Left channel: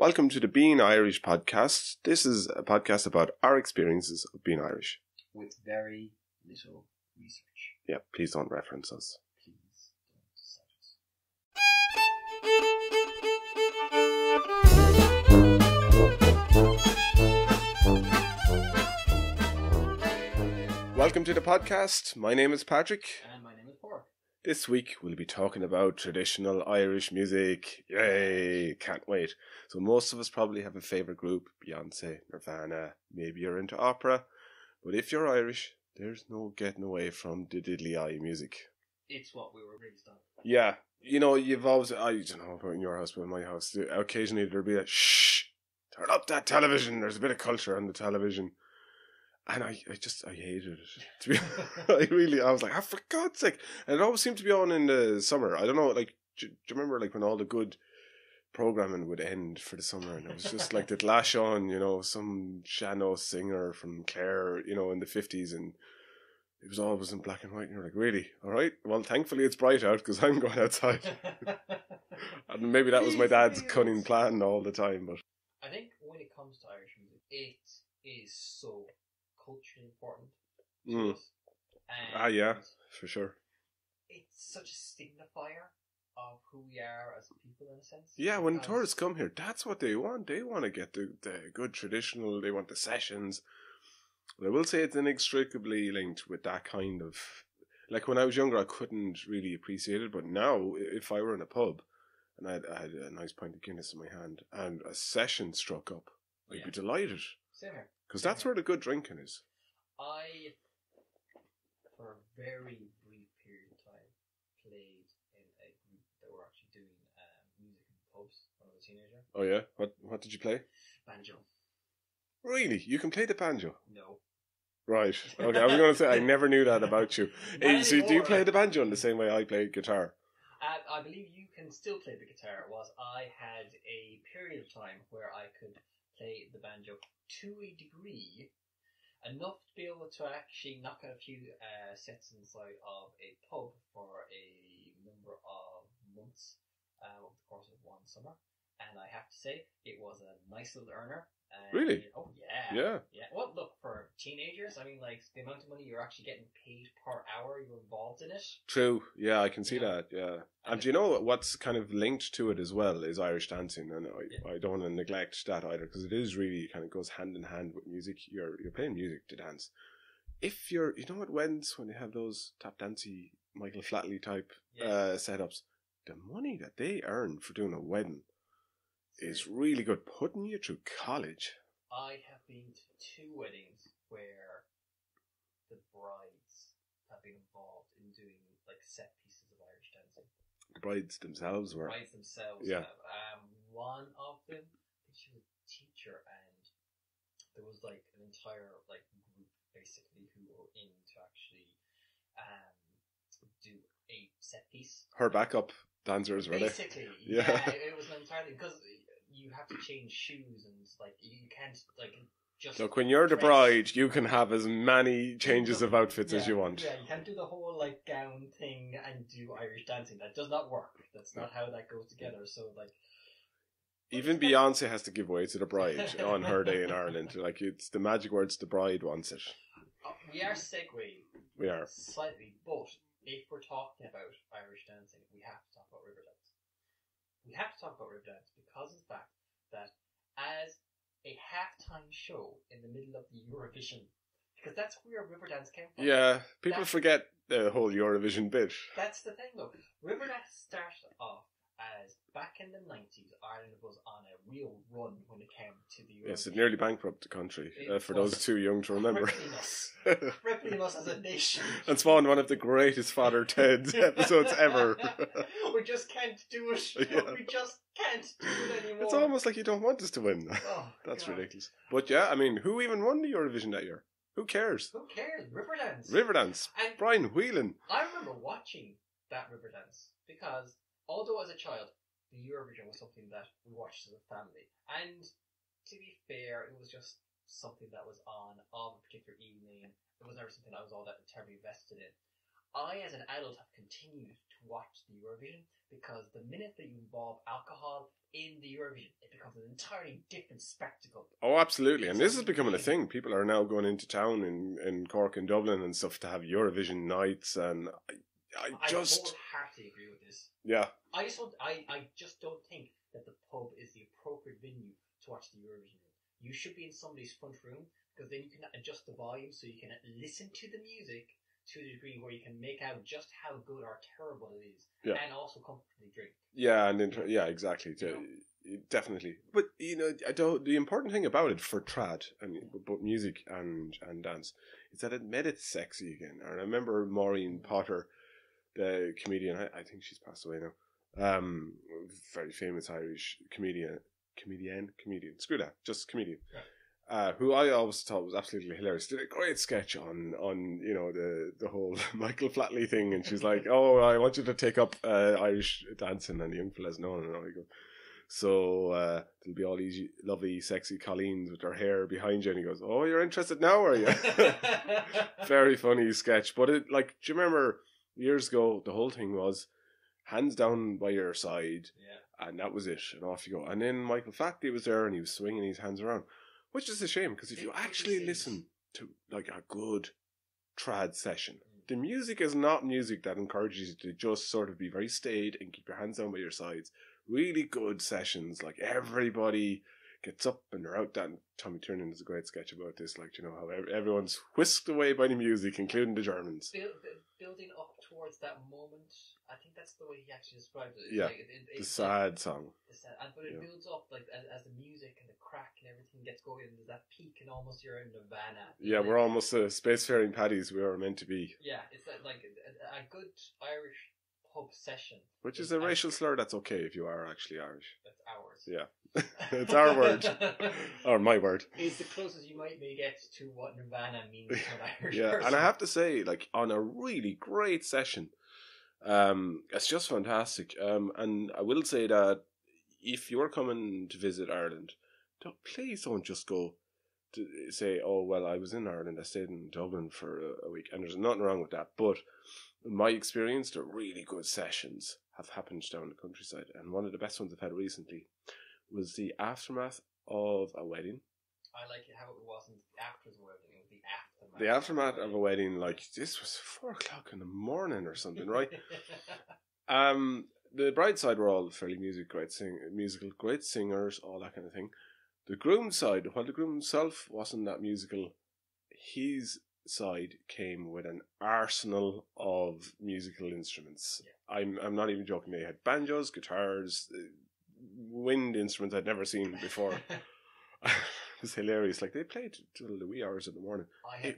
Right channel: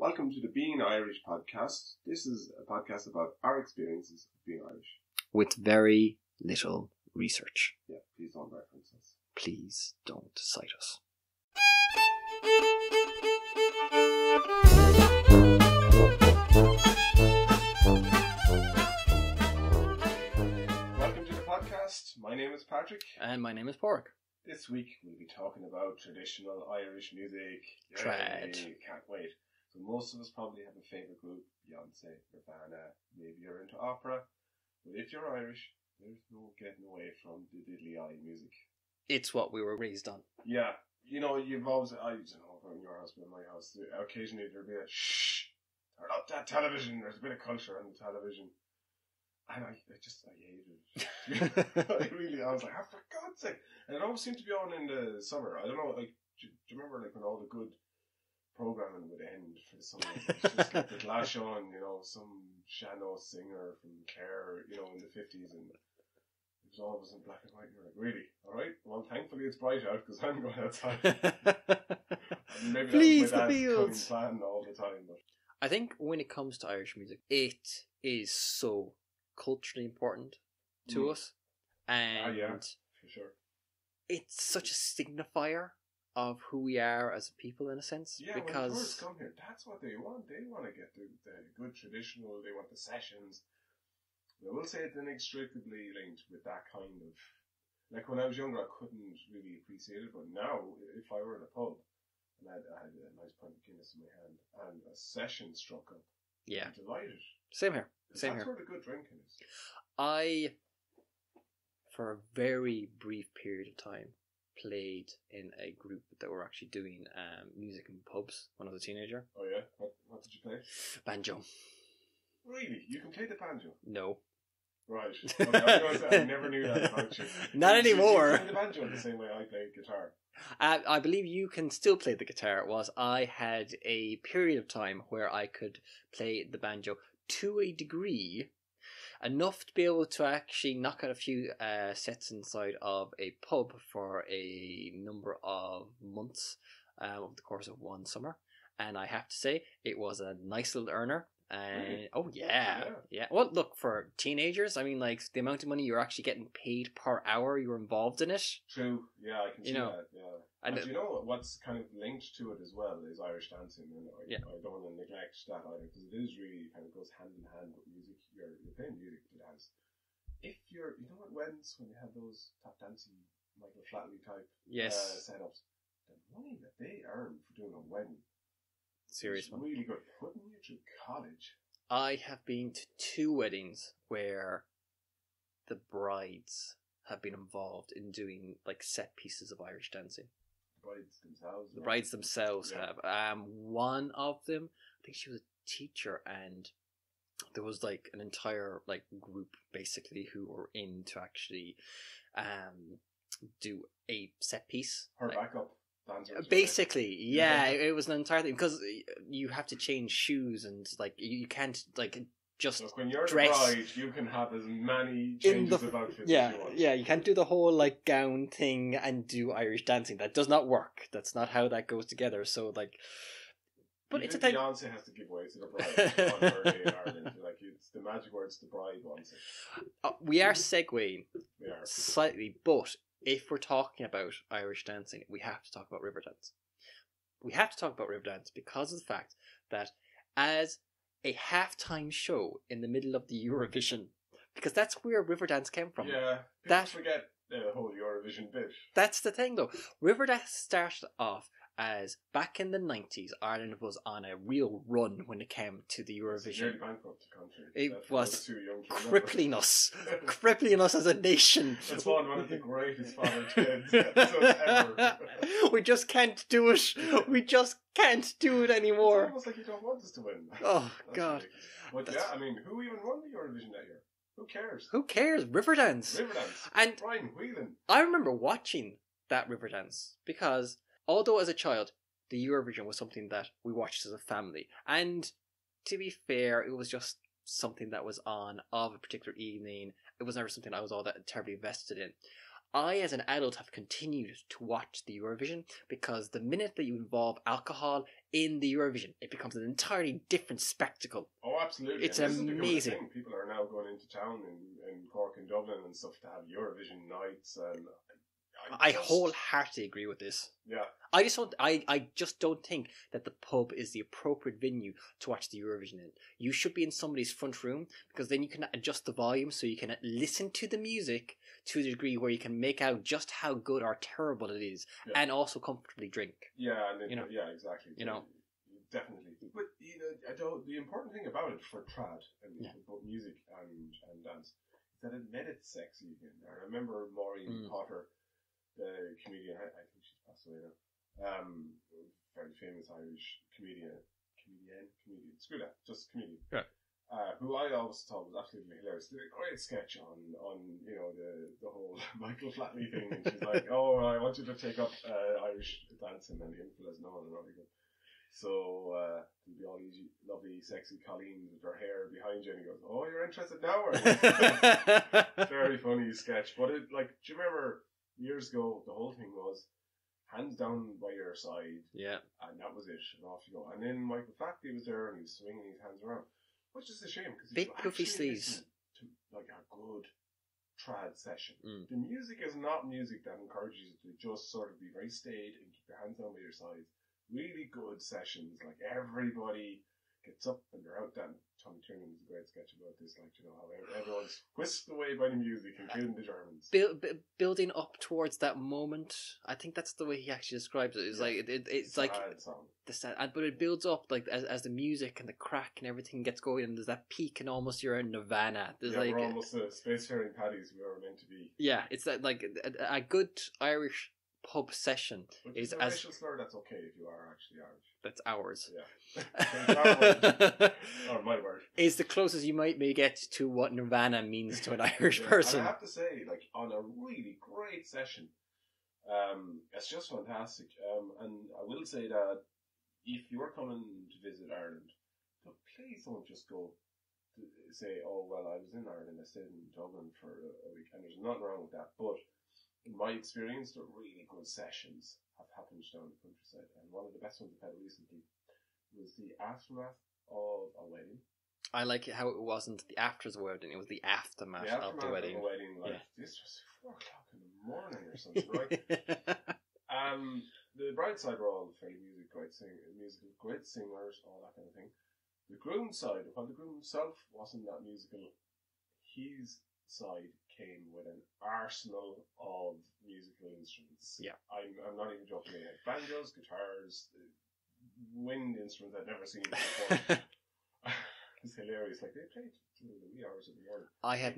Welcome to the Being Irish podcast. This is a podcast about our experiences of being Irish. With very little research. Yeah, please don't reference us. Please don't cite us. Welcome to the podcast. My name is Patrick. And my name is Padraic. This week we'll be talking about traditional Irish music. Yay! Can't wait. So most of us probably have a favourite group, Beyonce, Nirvana, maybe you're into opera. But if you're Irish, there's no getting away from the diddly-eye music. It's what we were raised on. Yeah. You know, you've always, I don't know about in your house, but in my house, occasionally there'll be a shh, turn up that television. There's a bit of culture on the television. And I hated it. I was like, for God's sake. And it always seemed to be on in the summer. I don't know, like, do you remember, like, when all the good programming would end for the summer? And it was just like, they'd lash on, you know, some Shano singer from Clare, you know, in the 50s. And it was always in black and white. And you're like, really? All right. Well, thankfully it's bright out because I'm going outside. And maybe that was my dad's cunning plan all the time. But I think when it comes to Irish music, it is so culturally important to us, and yeah, for sure. It's such a signifier of who we are as a people, in a sense. Yeah, when tourists come here, that's what they want. They want to get the good traditional. They want the sessions. But I will say it's inextricably linked with that kind of, like, when I was younger, I couldn't really appreciate it, but now if I were in a pub and I had a nice pint of Guinness in my hand and a session struck up, I'd be delighted. Same here. Because that's where the good drinking is. I, for a very brief period of time, played in a group that were actually doing music in pubs when I was a teenager. Oh yeah? What did you play? Banjo. Really? You can play the banjo? No. Right. Okay, I was going to say, I never knew that about you. Not anymore. Do you play the banjo in the same way I play guitar? I believe you can still play the guitar. I had a period of time where I could play the banjo to a degree, enough to be able to actually knock out a few sets inside of a pub for a number of months over the course of one summer. And I have to say, it was a nice little earner. Really? Oh, yeah. Well, look, for teenagers, I mean, like, the amount of money you're actually getting paid per hour you're involved in it. True. Yeah, I can see that, yeah. And you know what's kind of linked to it as well is Irish dancing. And I don't want to neglect that either, because it is really kind of goes hand in hand with music. You're playing music to dance. If you're, you know, at weddings, when they have those tap dancey Michael Flatley type setups, the money that they earn for doing a wedding is really good, putting you through college. I have been to 2 weddings where the brides have been involved in doing like set pieces of Irish dancing. The brides themselves were. Have. One of them, I think she was a teacher, and there was like an entire like group basically who were in to actually do a set piece. Her backup dancers, basically. It was an entire thing, because you have to change shoes, and like you can't like just. So when you're the bride, you can have as many changes of outfits as you want. Yeah, you can't do the whole like gown thing and do Irish dancing. That does not work. That's not how that goes together. So like, even Beyonce has to give way to the bride on her day in Ireland. Like, it's the magic words. The bride wants it. We are segueing. We are slightly, but if we're talking about Irish dancing, we have to talk about Riverdance. We have to talk about Riverdance because of the fact that as a halftime show in the middle of the Eurovision, because that's where Riverdance came from. Yeah, people forget the whole Eurovision bit. That's the thing, though. Riverdance started off as, back in the 90s, Ireland was on a real run when it came to the Eurovision. Yes, it nearly bankrupt the country, for was those too young to remember. Crippling us as a nation. And spawned one of the greatest Father Ted episodes ever. We just can't do it. We just can't do it anymore. It's almost like you don't want us to win. Oh, that's God. ridiculous. But yeah, I mean, who even won the Eurovision that year? Who cares? Riverdance. And Brian Whelan. I remember watching that Riverdance because, although as a child, the Eurovision was something that we watched as a family. And to be fair, it was just something that was on of a particular evening. It was never something I was all that terribly invested in. I, as an adult, have continued to watch the Eurovision because the minute that you involve alcohol in the Eurovision, it becomes an entirely different spectacle. Oh, absolutely. It's And this is becoming a amazing. thing. People are now going into town in Cork and Dublin and stuff to have Eurovision nights. And I wholeheartedly agree with this. Yeah. I just don't think that the pub is the appropriate venue to watch the Eurovision in. You should be in somebody's front room because then you can adjust the volume so you can listen to the music to the degree where you can make out just how good or terrible it is, and also comfortably drink. Yeah, and yeah, exactly. Definitely. But the important thing about it for trad and both music and dance is that it made it sexy again. And I remember Maureen Potter, the comedian. I think she's passed away now. Very famous Irish comedian. Screw that, just comedian. Yeah. Who I always thought was absolutely hilarious. Did a great sketch on the whole Michael Flatley thing, and she's like, "Oh, I want you to take up Irish dancing," and the young fella's no. I go, so there'll be all these lovely, sexy Colleens with their hair behind you, and he goes, "Oh, you're interested now, are you?" Very funny sketch, but do you remember years ago? The whole thing was hands down by your side, and that was it, and off you go. And then Michael Flatley was there, and he was swinging his hands around. Which is a shame, because if you actually listen to a good trad session, the music is not music that encourages you to just sort of be very staid and keep your hands down by your sides. Really good sessions, like everybody gets up and they're out. That Tommy Tiernan does a great sketch about this, how everyone's whisked away by the music, including the Germans. Building up towards that moment, I think that's the way he actually describes it. It's it's the sad song. But it builds up as the music and the crack and everything gets going, and there's that peak, and almost you're in Nirvana. We're almost spacefaring paddies we were meant to be. Yeah, it's that a good Irish pub session, which is a racial slur. That's okay if you are actually Irish. That's ours. Yeah, it's our word or my word. Is the closest you might get to what Nirvana means to an Irish person. And I have to say, on a really great session, it's just fantastic. And I will say that if you're coming to visit Ireland, please don't just go to say, "Oh well, I was in Ireland. I stayed in Dublin for a week," and there's nothing wrong with that, but in my experience, the really good sessions have happened down the countryside, and one of the best ones I've had recently was the aftermath of a wedding. I like it how it wasn't the after the wedding; it was the aftermath. The aftermath of a wedding, this was 4:00 in the morning or something, right? The bride side were all fairly musical, great singers, all that kind of thing. The groom side, while the groom himself wasn't that musical, his side came with an arsenal of musical instruments. Yeah, I'm not even joking. They had banjos, guitars, wind instruments I'd never seen before. It was hilarious. They played till the wee hours of the morning. I have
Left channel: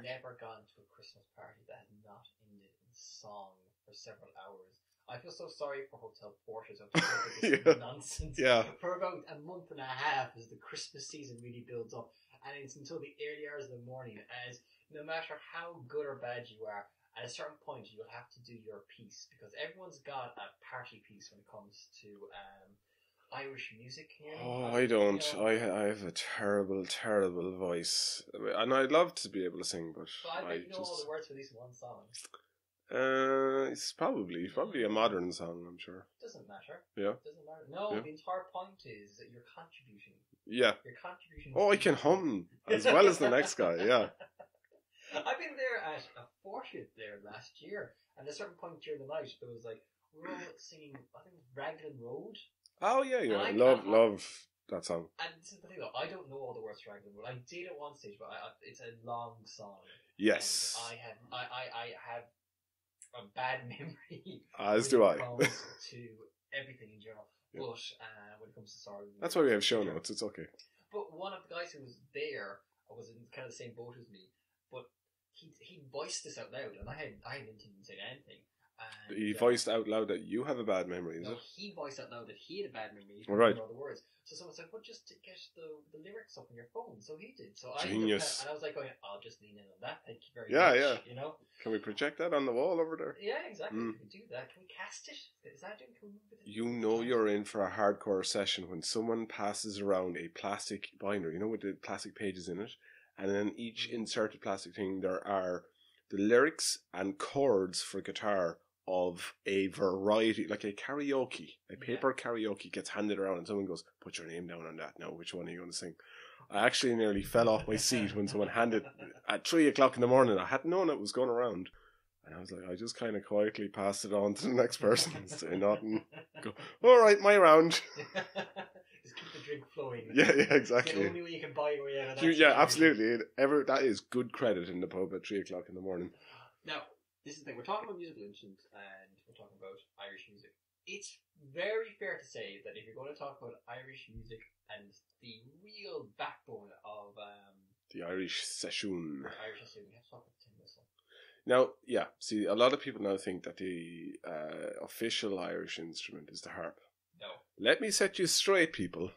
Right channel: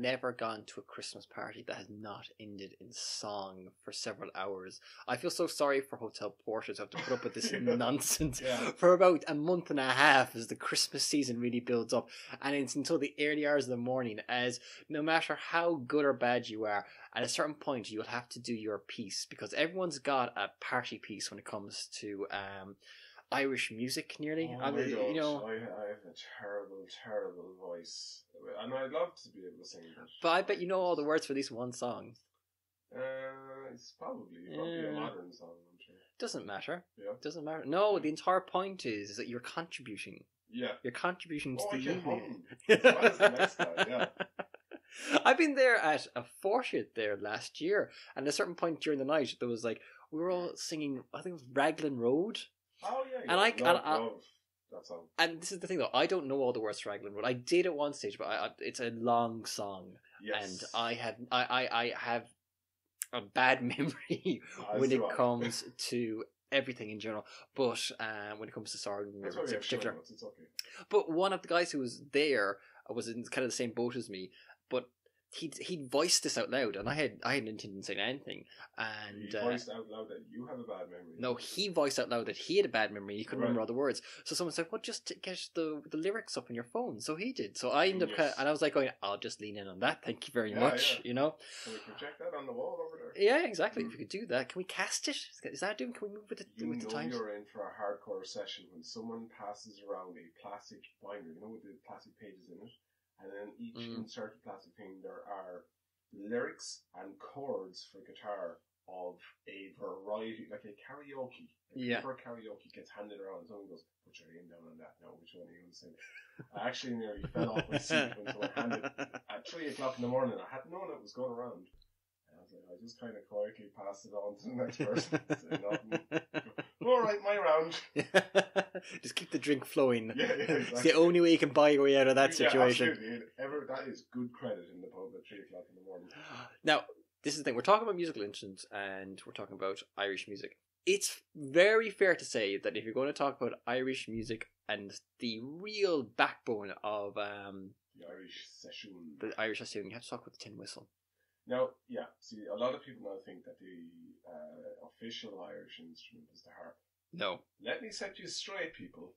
never gone to a Christmas party that has not ended in song for several hours. I feel so sorry for hotel porters who have to put up with this nonsense for about a month and a half as the Christmas season really builds up, and it's until the early hours of the morning, as no matter how good or bad you are, at a certain point you'll have to do your piece, because everyone's got a party piece when it comes to Irish music, nearly. I don't. I have a terrible, terrible voice, and I'd love to be able to sing, but I bet you know all the words for at least one song. It's probably a modern song, I'm sure. Doesn't matter. Yeah, doesn't matter. No, the entire point is that you're contributing. Yeah, you're contributing. I can hum as well as the next guy. Yeah. I've been there at a 40th there last year, and at a certain point during the night, there was we were all singing. I think it was Raglan Road. Oh yeah, and I love that song. And this is the thing, though, I don't know all the words to Raglan Road. I did at one stage, but it's a long song. Yes, and I have a bad memory when it comes to everything in general. But when it comes to song, that's why we have show notes. It's okay. But one of the guys who was there was in kind of the same boat as me, but he'd voiced this out loud, and I hadn't intended to say anything. And he voiced out loud that you have a bad memory. No, he voiced out loud that he had a bad memory. He couldn't remember all the words. So someone said, "Well, just get the lyrics up on your phone." So he did. So I ended up, and I was like, "I'll just lean in on that. Thank you very much." Yeah. Can we project that on the wall over there? Yeah, exactly. If we could do that, can we cast it? Is that doing? Can we move with it? You're in for a hardcore session when someone passes around a plastic binder, with the plastic pages in it. And then each inserted plastic thing, there are the lyrics and chords for guitar of a variety, like a karaoke, a paper karaoke gets handed around and someone goes, put your name down on that now, which one are you going to sing? I actually nearly fell off my seat when someone handed at 3 o'clock in the morning. I hadn't known it was going around. And I was like, I just kind of quietly passed it on to the next person and say nothing. Go, all right, my round. Just keep the drink flowing. Yeah, exactly. It's the only way you can buy your way out of that situation. Yeah, absolutely. That is good credit in the pub at 3 o'clock in the morning. Now, this is the thing. We're talking about musical instruments and we're talking about Irish music. It's very fair to say that if you're going to talk about Irish music and the real backbone of the Irish session, you have to talk about the tin whistle. Now, yeah, see, a lot of people now think that the official Irish instrument is the harp. No. Let me set you straight, people.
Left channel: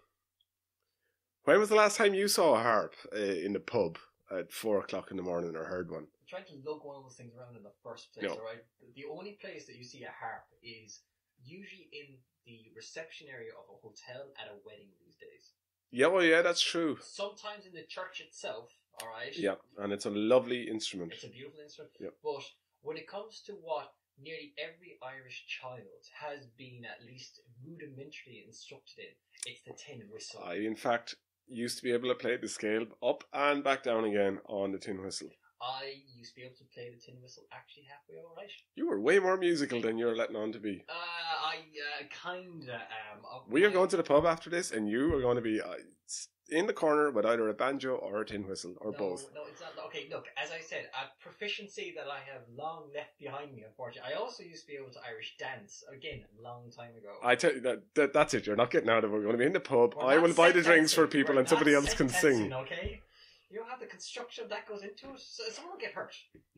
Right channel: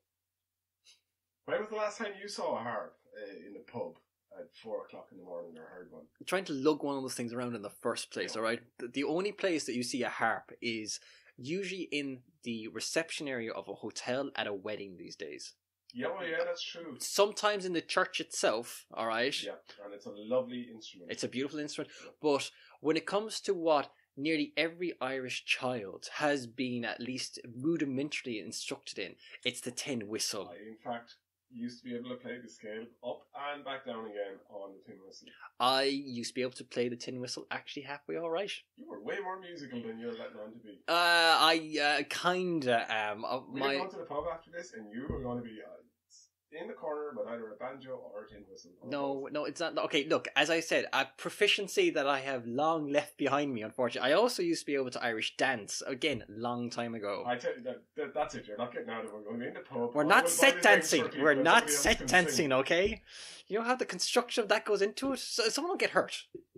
When was the last time you saw a harp in the pub at 4 o'clock in the morning or heard one? I'm trying to lug one of those things around in the first place, all right? The only place that you see a harp is usually in the reception area of a hotel at a wedding these days. Yeah, well, yeah, that's true. Sometimes in the church itself, all right? Yeah, and it's a lovely instrument. It's a beautiful instrument. Yeah. But when it comes to what nearly every Irish child has been at least rudimentarily instructed in, it's the tin whistle. I, in fact, used to be able to play the scale up and back down again on the tin whistle. I used to be able to play the tin whistle actually halfway all right. You were way more musical than you were letting on to be. I kinda am. We are going to the pub after this and you are going to be in the corner with either a banjo or a tin whistle or both. No, it's not. Okay, look, as I said, a proficiency that I have long left behind me, unfortunately. I also used to be able to Irish dance, again, long time ago. I tell you, that's it. You're not getting out of it. We're going to be in the pub. I will buy the drinks for people and somebody else can sing. Okay? You know how the construction of that goes into it? So someone will get hurt.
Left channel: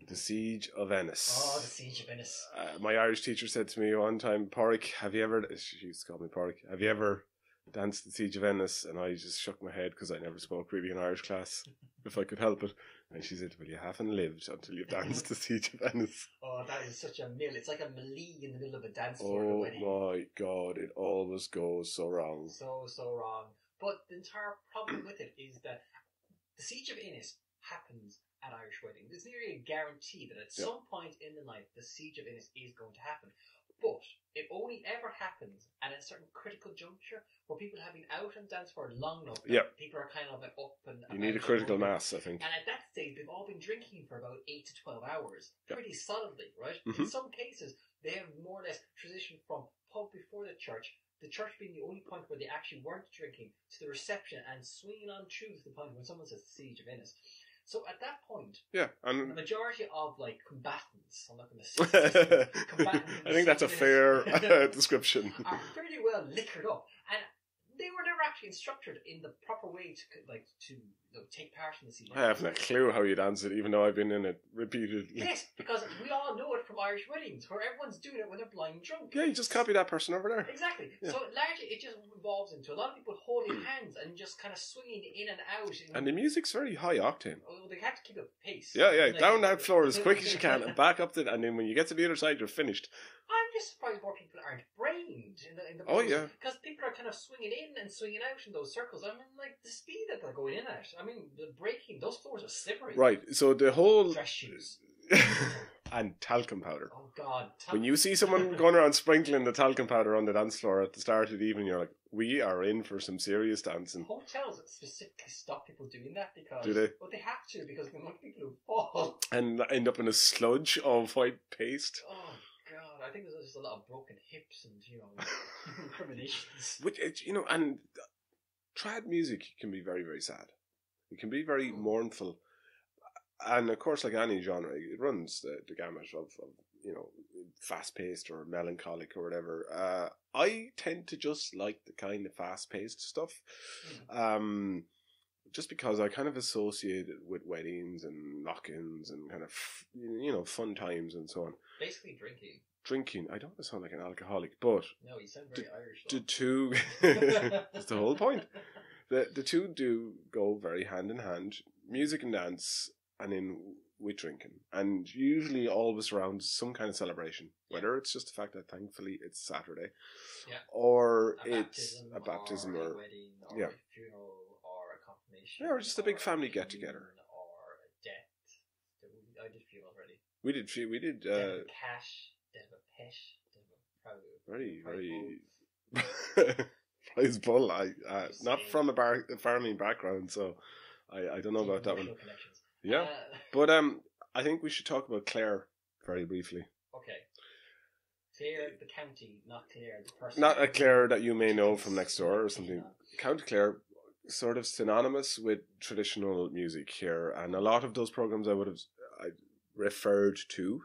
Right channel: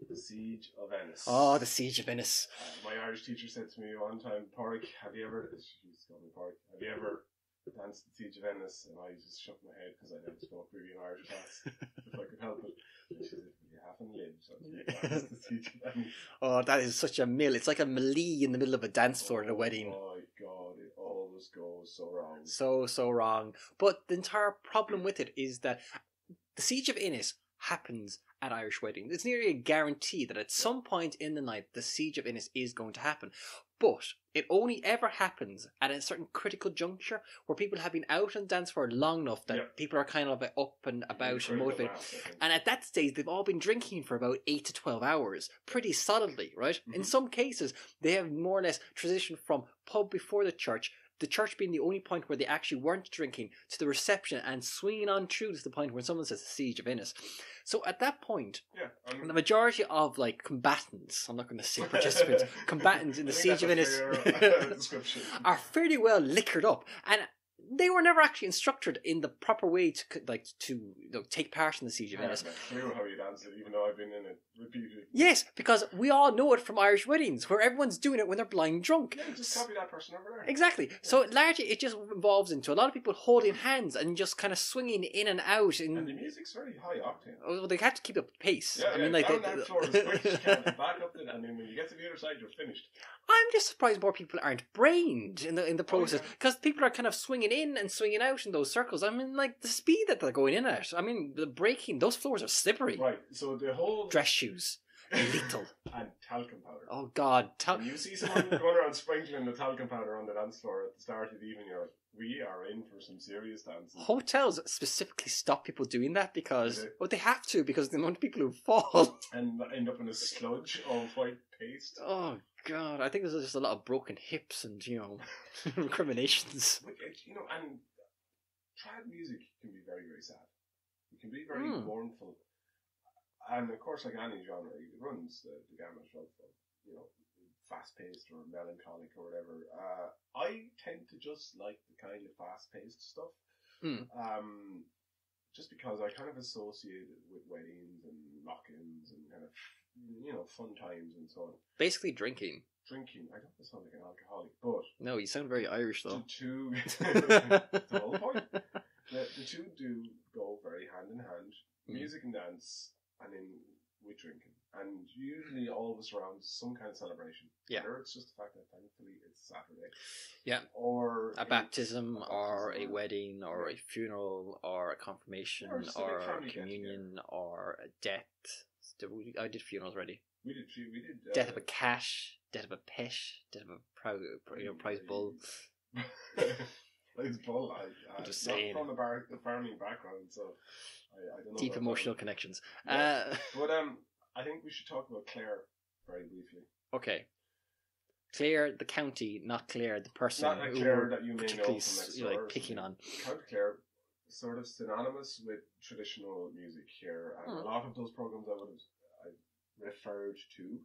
The Siege of Ennis. Oh, the Siege of Ennis. My Irish teacher said to me one time, Padraic, have you ever... She used to call me Padraic. Have you ever danced the Siege of Ennis? And I just shook my head because I never spoke really in Irish class, if I could help it. And she said, well, you haven't lived until you've danced the Siege of Ennis. Oh, that is such a mill. It's like a melee in the middle of a dance floor at a wedding. Oh my God, it always goes so wrong. So wrong. But the entire problem with it is that the Siege of Ennis happens at Irish weddings. It's nearly a guarantee that at some point in the night the Siege of Ennis is going to happen. But it only ever happens at a certain critical juncture where people have been out on dance for long enough that people are kind of up and about. Need a critical mass, I think. And at that stage they've all been drinking for about 8 to 12 hours, pretty solidly, right? Mm-hmm. In some cases they have more or less transitioned from pub before the church being the only point where they actually weren't drinking, to the reception and swinging on through to the point where someone says the Siege of Ennis. So at that point, the majority of combatants, I'm not going to say participants, combatants in the Siege of Ennis fair description, are fairly well liquored up, and they were never actually instructed in the proper way to take part in the Siege of Ennis. I have no clue how you dance it, even though I've been in it repeatedly. Yes, because we all know it from Irish weddings, where everyone's doing it when they're blind drunk. Yeah, you just copy that person over there. Exactly. Yeah. So largely it just involves into a lot of people holding hands and just kind of swinging in and out. And the music's very high octane. Well, they have to keep up the pace. Yeah, down that floor as quick as you can and back up and then when you get to the other side, you're finished. I'm just surprised more people aren't brained in the poses, because people are kind of swinging in and swinging out in those circles. I mean, the speed that they're going in at. I mean, the breaking, those floors are slippery. Right, so the whole... Dress shoes. And talcum powder. Oh God. When you see someone going around sprinkling the talcum powder on the dance floor at the start of the evening, you're like, we are in for some serious dancing. Hotels specifically stop people doing that because... they have to, because the amount of people who fall. And end up in a sludge of white paste. Oh God, I think there's just a lot of broken hips and, recriminations. Which, and trad music can be very, very sad. It can be very mournful. And of course, like any genre, it runs the gamut of fast-paced or melancholic or whatever. I tend to just like the kind of fast-paced stuff. Just because I kind of associate it with weddings and knock-ins and kind of, fun times and so on. Basically drinking. I don't want to sound like an alcoholic, but... No, you sound very Irish, though. The two... That's the whole point. The two do go very hand in hand. Music and dance... And then with drinking, and usually always around some kind of celebration. Whether it's just the fact that thankfully it's Saturday, or a baptism, or a wedding, or a funeral, or a confirmation, or just a big family get together, or a death. I did funerals already. We did. Death of a cat, death of a pet, death of a prize bull. Prize bull. Just not saying. from a farming background, so I don't know Deep about emotional that connections. Yeah, but I think we should talk about Clare very briefly. Okay. Clare, the county, not Clare, the person. Not a Clare that you may know from next door or something. On. County Clare, sort of synonymous with traditional music here, and a lot of those programs I referred to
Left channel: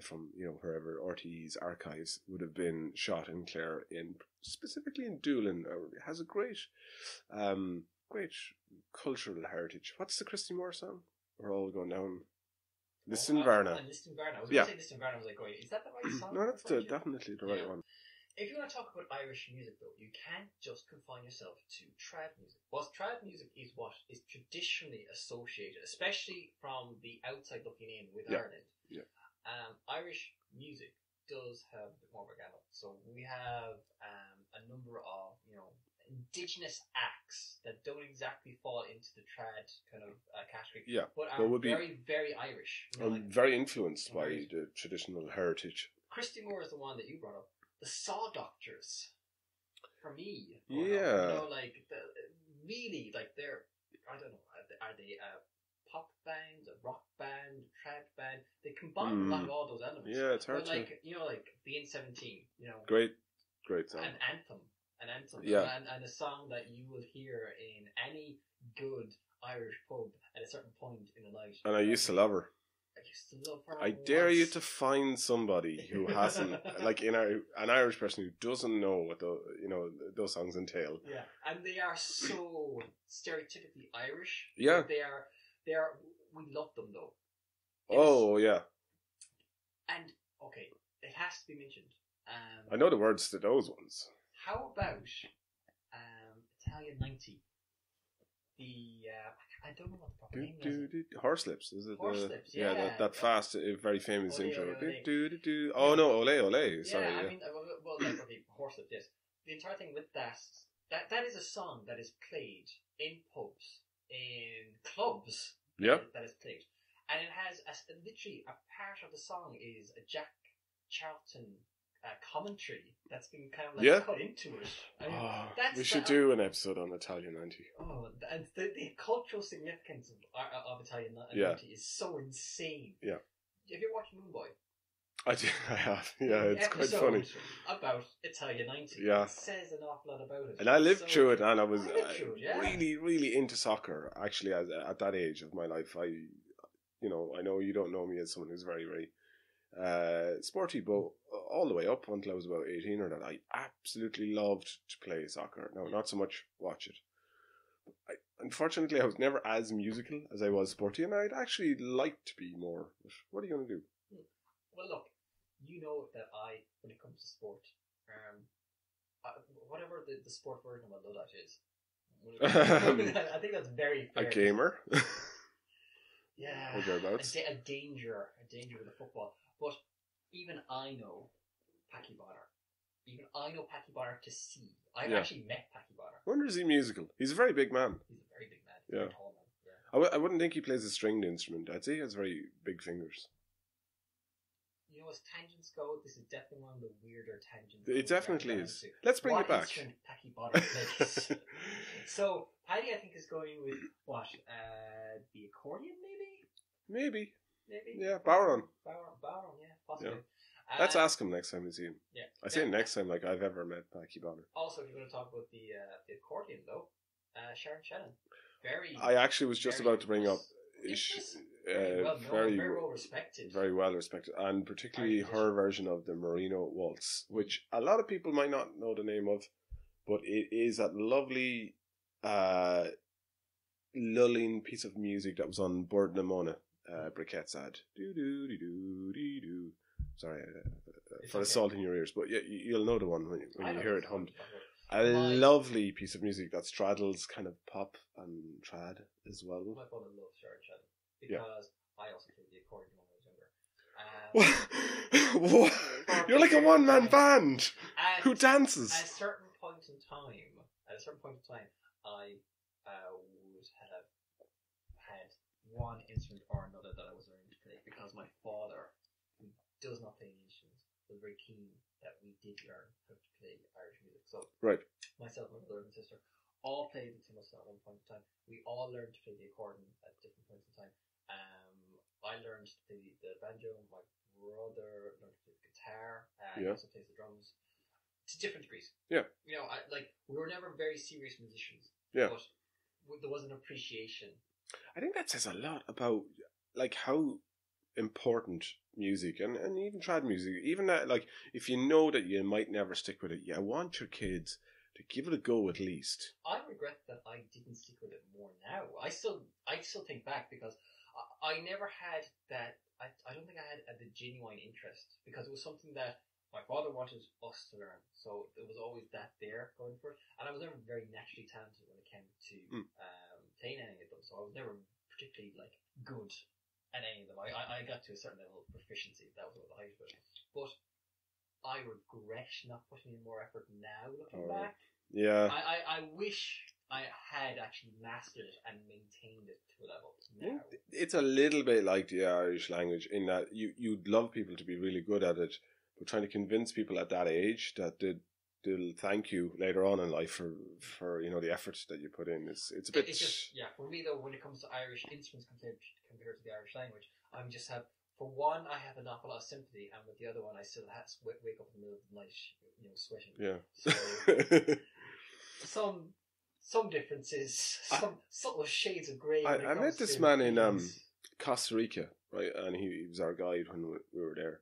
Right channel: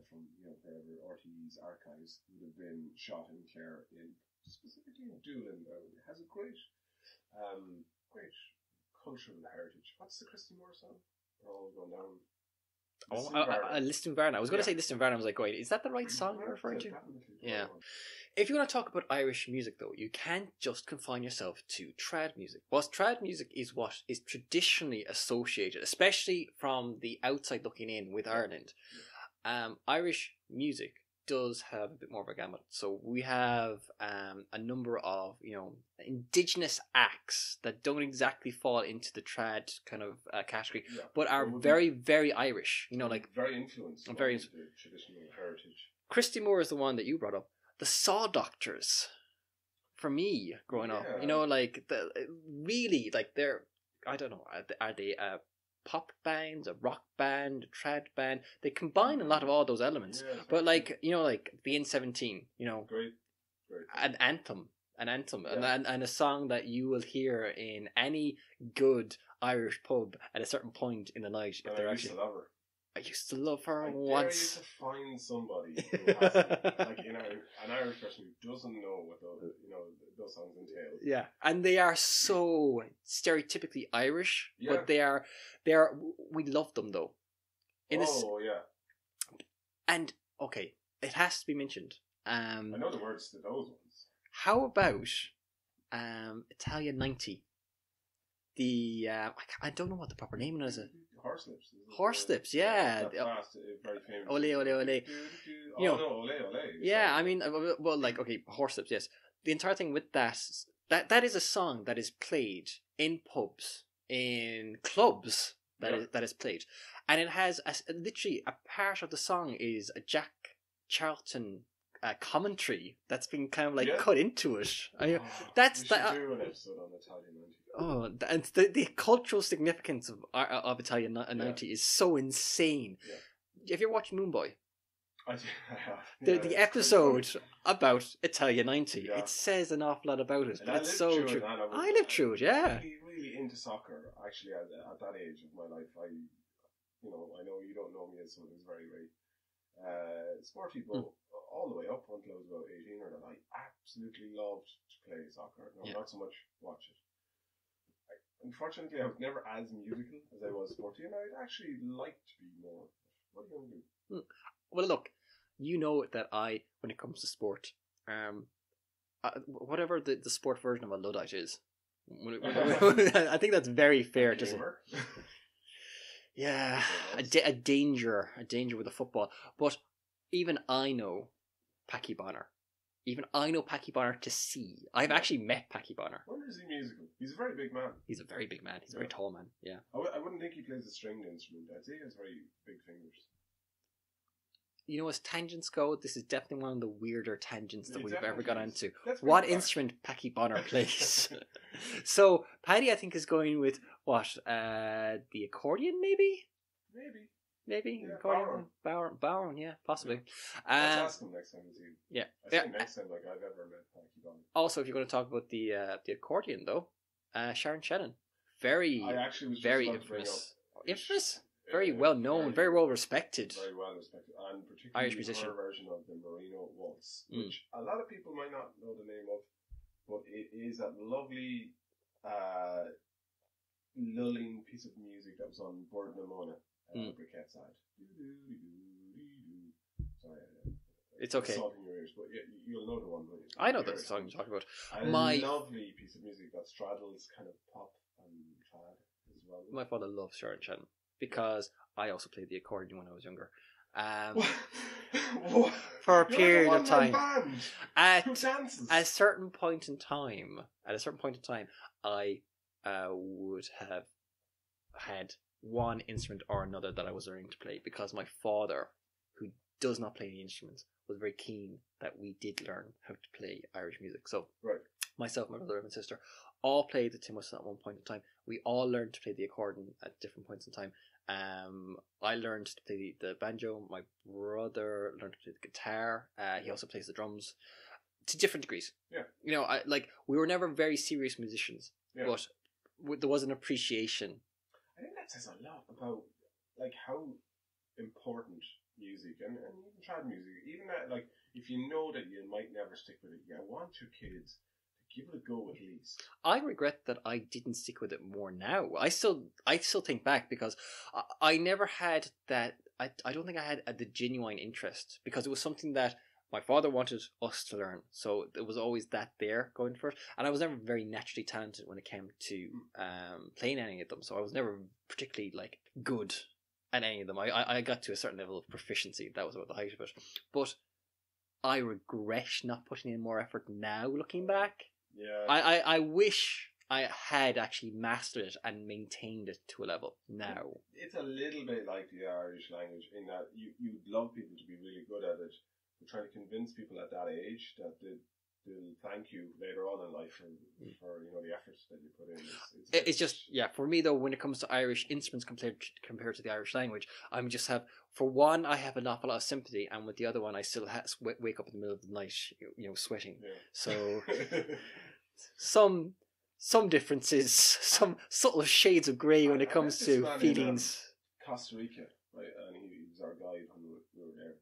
from wherever RTE's archives would have been shot in Clare, specifically in Doolin. It has a great cultural heritage. What's the Christy Moore song? We're all going down. Listonvarna. Listonvarna. I was going to say Listonvarna. I was like, wait, is that the right song? No, that's definitely the right one. If you want to talk about Irish music, though, you can't just confine yourself to trad music. Whilst trad music is what is traditionally associated, especially from the outside looking in with Ireland, Irish music does have a bit more of a gamut. So we have a number of indigenous acts that don't exactly fall into the trad kind of category, but are very, very Irish. Like very influenced by the traditional heritage. Christy Moore is the one that you brought up. The Saw Doctors, for me growing up, like they're, I don't know, are they a pop band, a rock band, a trad band? They combine a lot of all those elements. Yeah, it's hard but like the N17, great song. an anthem, and a song that you will hear in any good Irish pub at a certain point in the night. And I used to love her. I used to love her. I dare you to find somebody who hasn't, like an Irish person who doesn't know what those songs entail. Yeah, and they are so stereotypically Irish. Yeah, but they are. We love them though. Yeah. And okay, it has to be mentioned. I know the words to those ones. How about Italian 90? The I don't know what the proper name is. Horselips, is it? Horselips, yeah. That fast, very famous. Ole, ole, ole. Oh no, ole, ole. Yeah, I mean, well, like Horselips, yes. The entire thing with that is a song that is played in pubs, in clubs. That is played, and it has literally a part of the song is a Jack Charlton commentary that's been kind of like cut into it. We should do an episode on Italian 90. Oh, and the cultural significance of Italian 90 is so insane. Yeah. Have you ever watched Moonboy? I have. The episode about Italian 90. Yeah. It says an awful lot about it. And I lived through it, and I lived through it, yeah. Really, really into soccer, actually, at that age of my life. I know you don't know me as someone who's very, very sporty, but all the way up until I was about 18 or that, I absolutely loved to play soccer. No, not so much watch it. Unfortunately, I was never as musical as I was sporty, and I'd actually like to be more. But what are you going to do? Well, look, you know that when it comes to sport, whatever the sport version of a Luddite is, I think that's very fair. A gamer. Yeah, a danger with a football. But even I know Packy Bonner. Even I know Packy Bonner to see. I've actually met Packy Bonner. I wonder is he musical? He's a very big man. He's a very big man. He's a very tall man. Yeah. I wouldn't think he plays a stringed instrument. I'd say he has very big fingers. You know, as tangents go, this is definitely one of the weirder tangents that we've ever gone into. Let's bring what it back. Instrument Packy Bonner plays? So Paddy, I think, is going with what? The accordion, maybe. Yeah, Bowron, yeah, possibly. Yeah. Let's ask him next time we see him. Yeah, I say next time like I've ever met Packy Bonner. Also, if you're going to talk about the accordion, though, Sharon Shannon, I actually was just about to bring up. Infamous. Very well known, very well respected. Very well respected, and particularly her version of the Merino Waltz, which a lot of people might not know the name of, but it is that lovely lulling piece of music that was on Bord na Mona Briquette's ad. Sorry, it's okay. Assaulting your ears, but you'll know the one when I know you hear the song you're talking about. A lovely piece of music that straddles kind of pop and trad as well. My father loves Sharon Shannon. Because I also played the accordion when I was younger. You're like a one-man band who dances. At a certain point in time, I would have had one instrument or another that I was learning to play, because my father, who does not play any instruments, was very keen that we did learn how to play Irish music. So Right. myself, my brother, and my sister all played the tin whistle at one point in time. We all learned to play the accordion at different points in time. I learned to play the banjo. My brother learned to play the guitar. He also plays the drums to different degrees. Yeah. You know, we were never very serious musicians, but there was an appreciation. I think that says a lot about like how important music and even trad music, even that, like, if you know that you might never stick with it, you want your kids to give it a go at least. I regret that I didn't stick with it more now. I still think back, because I never had that. I don't think I had the genuine interest, because it was something that my father wanted us to learn, so there was always that there going first. And I was never very naturally talented when it came to playing any of them, so I was never particularly like good at any of them. I got to a certain level of proficiency. That was about the height of it. But I regret not putting in more effort now, looking back. Yeah. I wish I had actually mastered it and maintained it to a level now. It's a little bit like the Irish language in that you'd love people to be really good at it, but trying to convince people at that age that they'll thank you later on in life for you know the efforts that you put in. It's a bit... It's just, for me though, when it comes to Irish instruments compared to the Irish language, I'm just have, for one, I have an awful lot of sympathy, and with the other one, I still wake up in the middle of the night, you know, sweating. Yeah. So some differences, some subtle shades of grey when it comes to feelings. In Costa Rica, right, and he was our guide when we were there.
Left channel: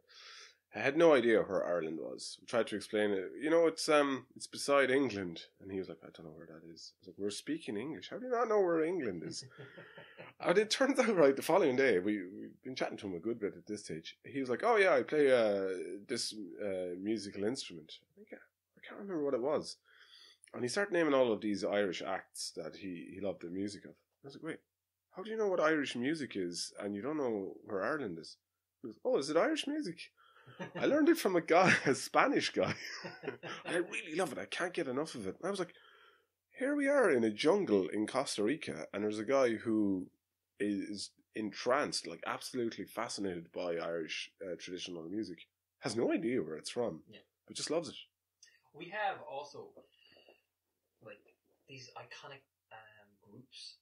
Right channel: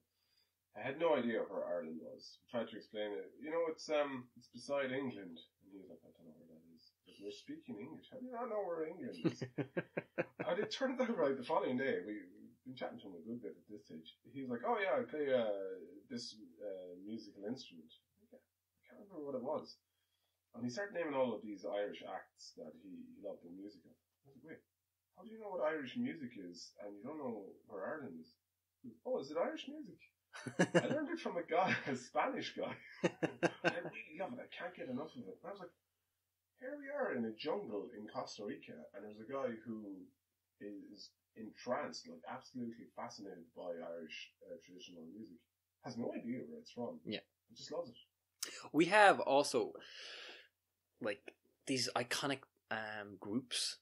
I had no idea where Ireland was. We tried to explain it. You know, it's beside England. And he was like, I don't know where that is. I was like, we're speaking English. How do you not know where England is? And it turns out, right, the following day, we've been chatting to him a good bit at this stage. He was like, oh yeah, I play this musical instrument. I can't remember what it was. And he started naming all of these Irish acts that he loved the music of. I was like, wait, how do you know what Irish music is and you don't know where Ireland is? He goes, oh, is it Irish music? I learned it from a Spanish guy. I really love it. I can't get enough of it. And I was like, here we are in a jungle in Costa Rica, and there's a guy who is entranced, like absolutely fascinated by Irish traditional music. Has no idea where it's from. Yeah. But just loves it. We have also like these iconic groups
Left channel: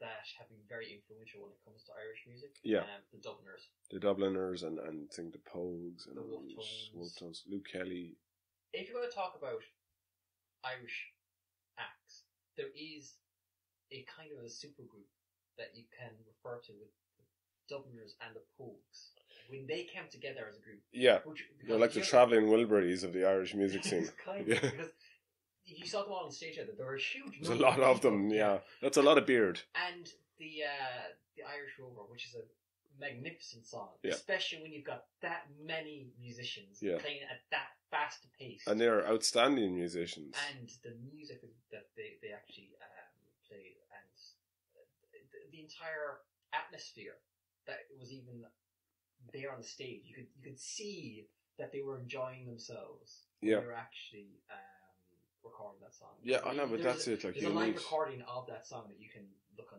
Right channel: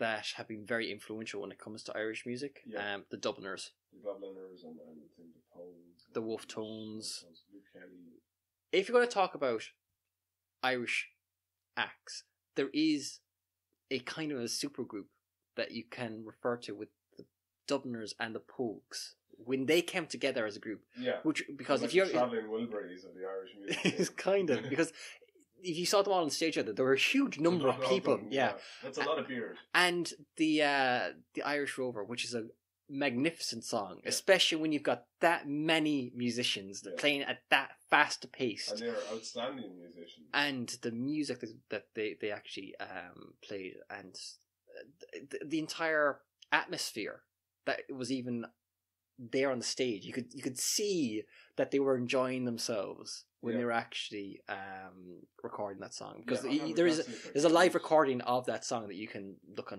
that have been very influential when it comes to Irish music. Yeah. The Dubliners. The Dubliners and I think the Pogues. The Wolf Tones. Luke Kelly. If you're going to talk about Irish acts, there is a kind of a supergroup that you can refer to with the Dubliners and the Pogues. When they came together as a group. Yeah. Because like the travelling Wilburys of the Irish music scene. It's kind of, because if you saw them all on stage together, there were a huge number of people. Them, yeah. That's a lot of beard. And the Irish Rover, which is a magnificent song, especially when you've got that many musicians playing at that fast a pace. And they're outstanding musicians. And the music that they actually played, and the entire atmosphere that was even there on the stage, you could see that they were enjoying themselves when they were actually recording that song. Because there's a live recording of that song that you can look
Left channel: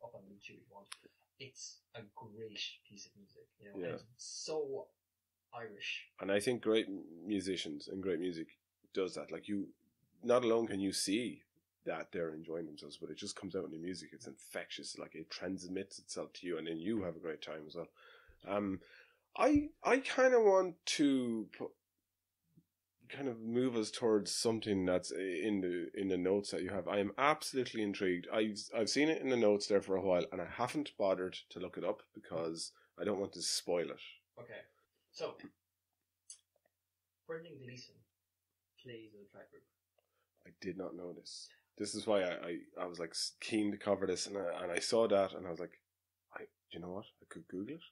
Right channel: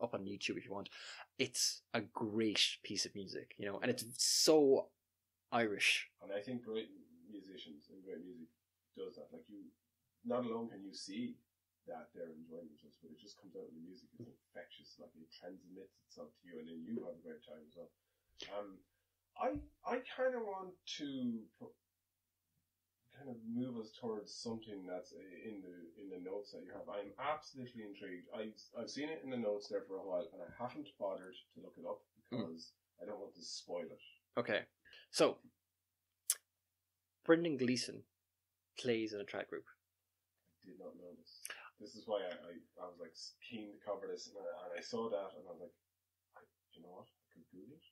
up on YouTube if you want. It's a great piece of music, you know, and it's so Irish. And I think great musicians and great music does that. Like, you, not alone can you see that they're enjoying themselves, but it just comes out in the music. It's infectious. Like, it transmits itself to you, and then you have a great time as well. I kind of want to kind of move us towards something that's in the notes that you have. I am absolutely intrigued. I've seen it in the notes there for a while, and I haven't bothered to look it up because I don't want to spoil it. Okay, so Brendan Gleeson plays in a trad group. I did not know this. This is why I was like keen to cover this, and I saw that, and I was like, you know what? I could Google it.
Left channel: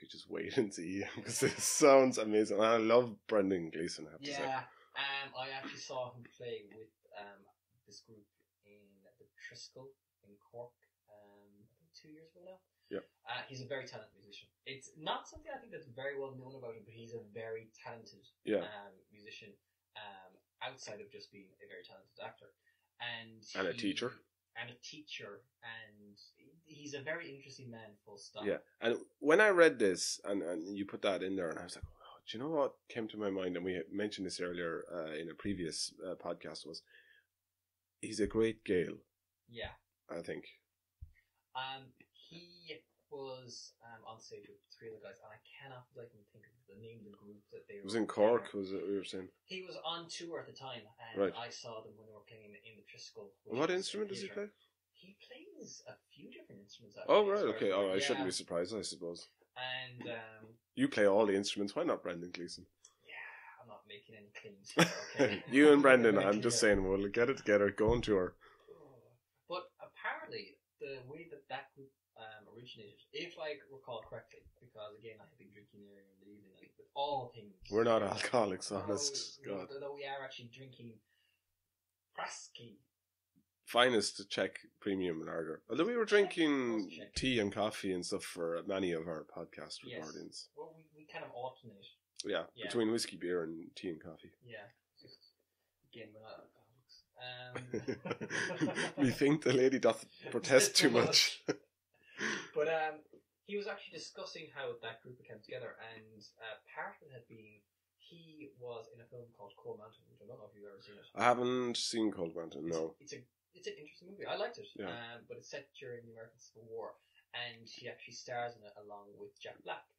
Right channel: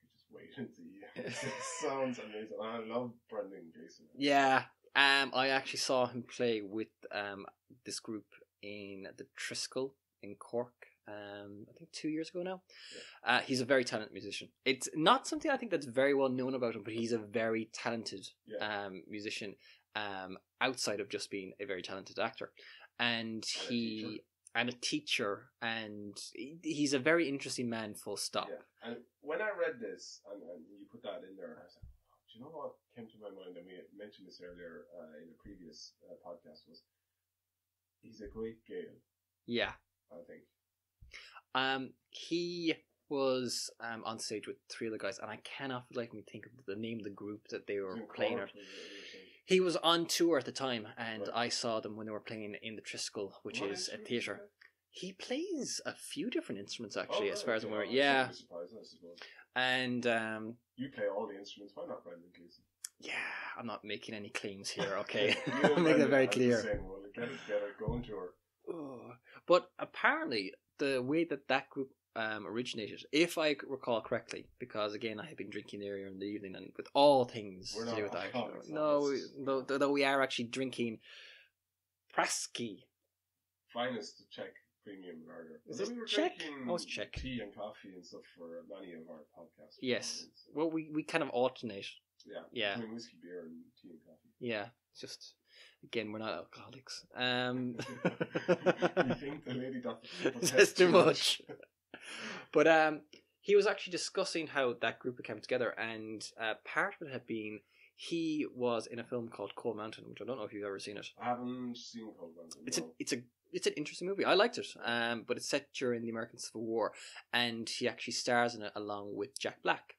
Could just wait and see. It sounds amazing. I love Brendan Gleeson. Yeah, I actually saw him play with this group in the Triskel in Cork. I think 2 years ago now. Yeah. He's a very talented musician. It's not something I think that's very well known about him, but he's a very talented musician. Outside of just being a very talented actor, and a teacher. and a teacher, and he's a very interesting man, full stop. Yeah, and when I read this, and you put that in there, and I was like, oh, do you know what came to my mind? And we mentioned this earlier in a previous podcast, was he's a great Gale. Yeah. I think. He was on stage with three other guys, and I cannot for like me think of the name of the group that they were. It was in playing Cork, was it? You were saying? He was on tour at the time, and Right. I saw them when they were playing in the Triskel, which What is a instrument does he theatre. play? He plays a few different instruments Oh, actually, right, as far as okay. I'm aware. I Yeah, shouldn't be surprised, I suppose. and You play all the instruments. Why not Brendan Gleeson? yeah, I'm not making any claims here. Okay, You and Make it Brendan, very I'm clear. just saying, we'll get it together, go on tour. But apparently, the way that group originated, if I recall correctly, because again I have been drinking earlier in the evening, and with all things We're not you know, alcoholics, No, honest. though we are actually drinking Praski. Finest Czech premium lager. Is Although this we were Czech? drinking Oh, it's Czech. tea and coffee and stuff for many of our podcast Yes. recordings. Well, we kind of alternate. Yeah. Between whiskey, beer, and tea and coffee. Yeah, it's just again we're not alcoholics. You think the lady doth Says protest too much? But he was actually discussing how that group came together, and part of it had been he was in a film called Coal Mountain, which I don't know if you've ever seen it. I haven't seen Cold Mountain, no. It's an interesting movie. I liked it. Yeah. But it's set during the American Civil War, and he actually stars in it along with Jack Black,